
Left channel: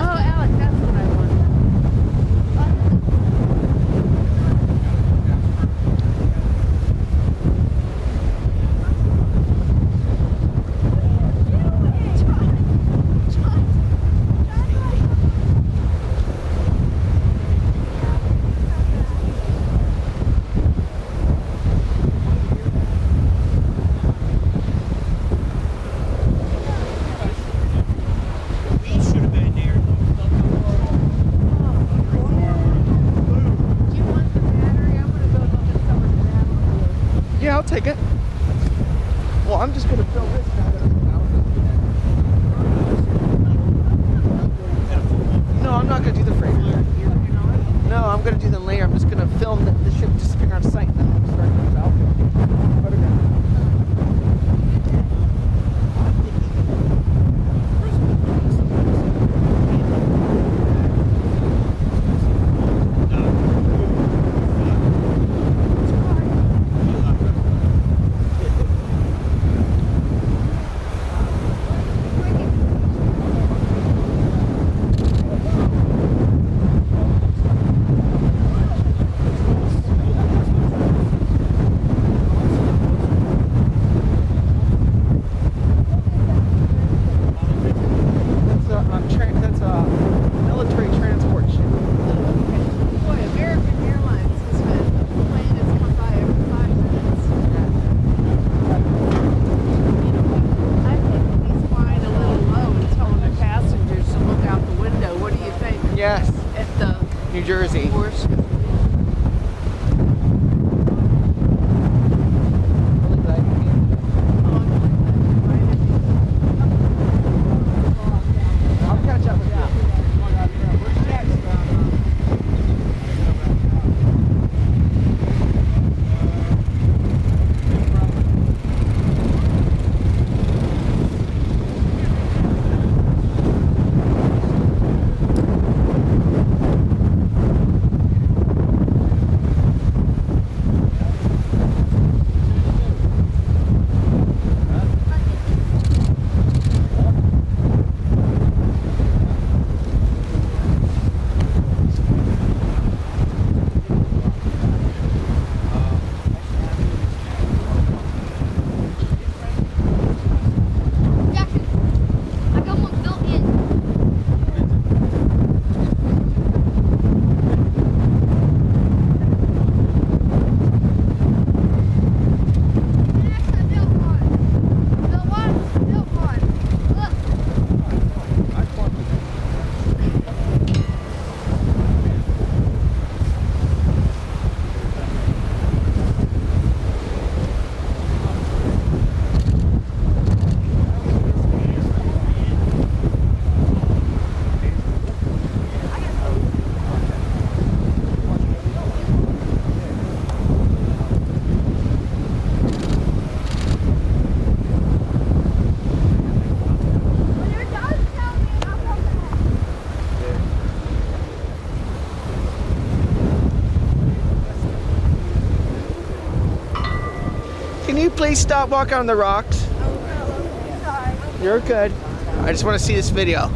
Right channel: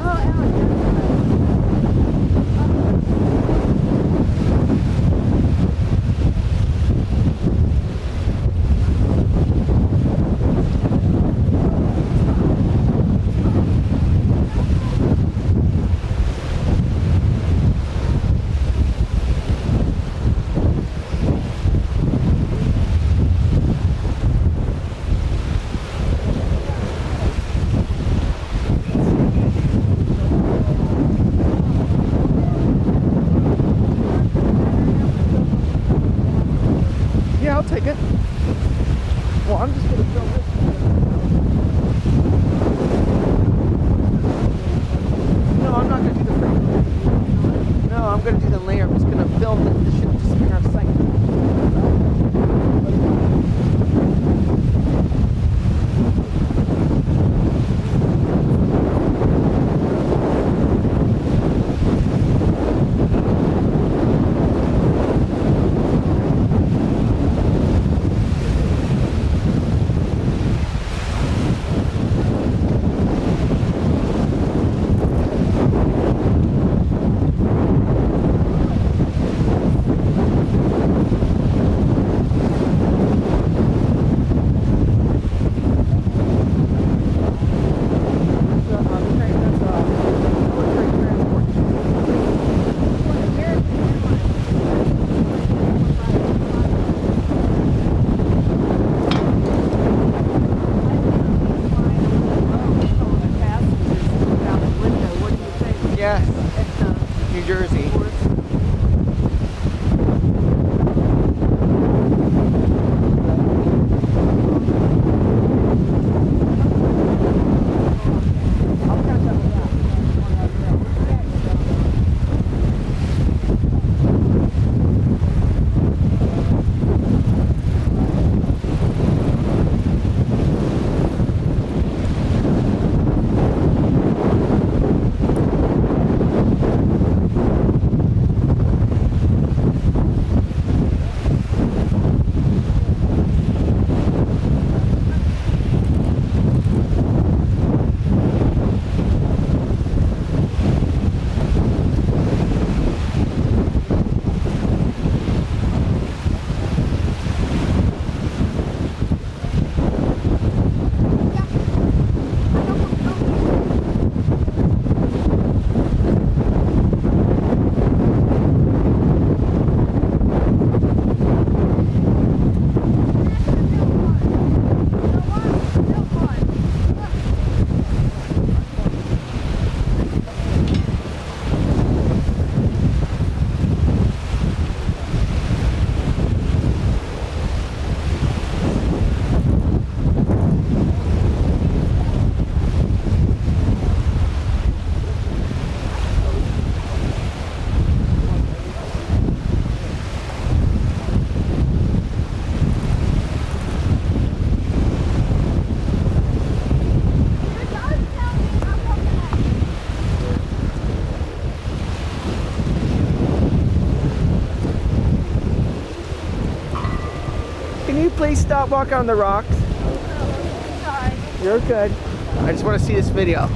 Oh, Alex, that's what I wanted. Yeah, I'll take it. Well, I'm just gonna film this. No, I'm not gonna do the freighter. No, I'm gonna do them later. I'm just gonna film the ship disappearing on sight. That's a military transport ship. Boy, American Airlines has been playing this one by every 5 minutes. I think he's flying a little low and telling the passengers to look out the window. What do you think? Yes. At the New Jersey. course. Really glad you came. I'll catch up with you. Can you please stop walking on the rocks? Sorry. You're good. I just want to see this video.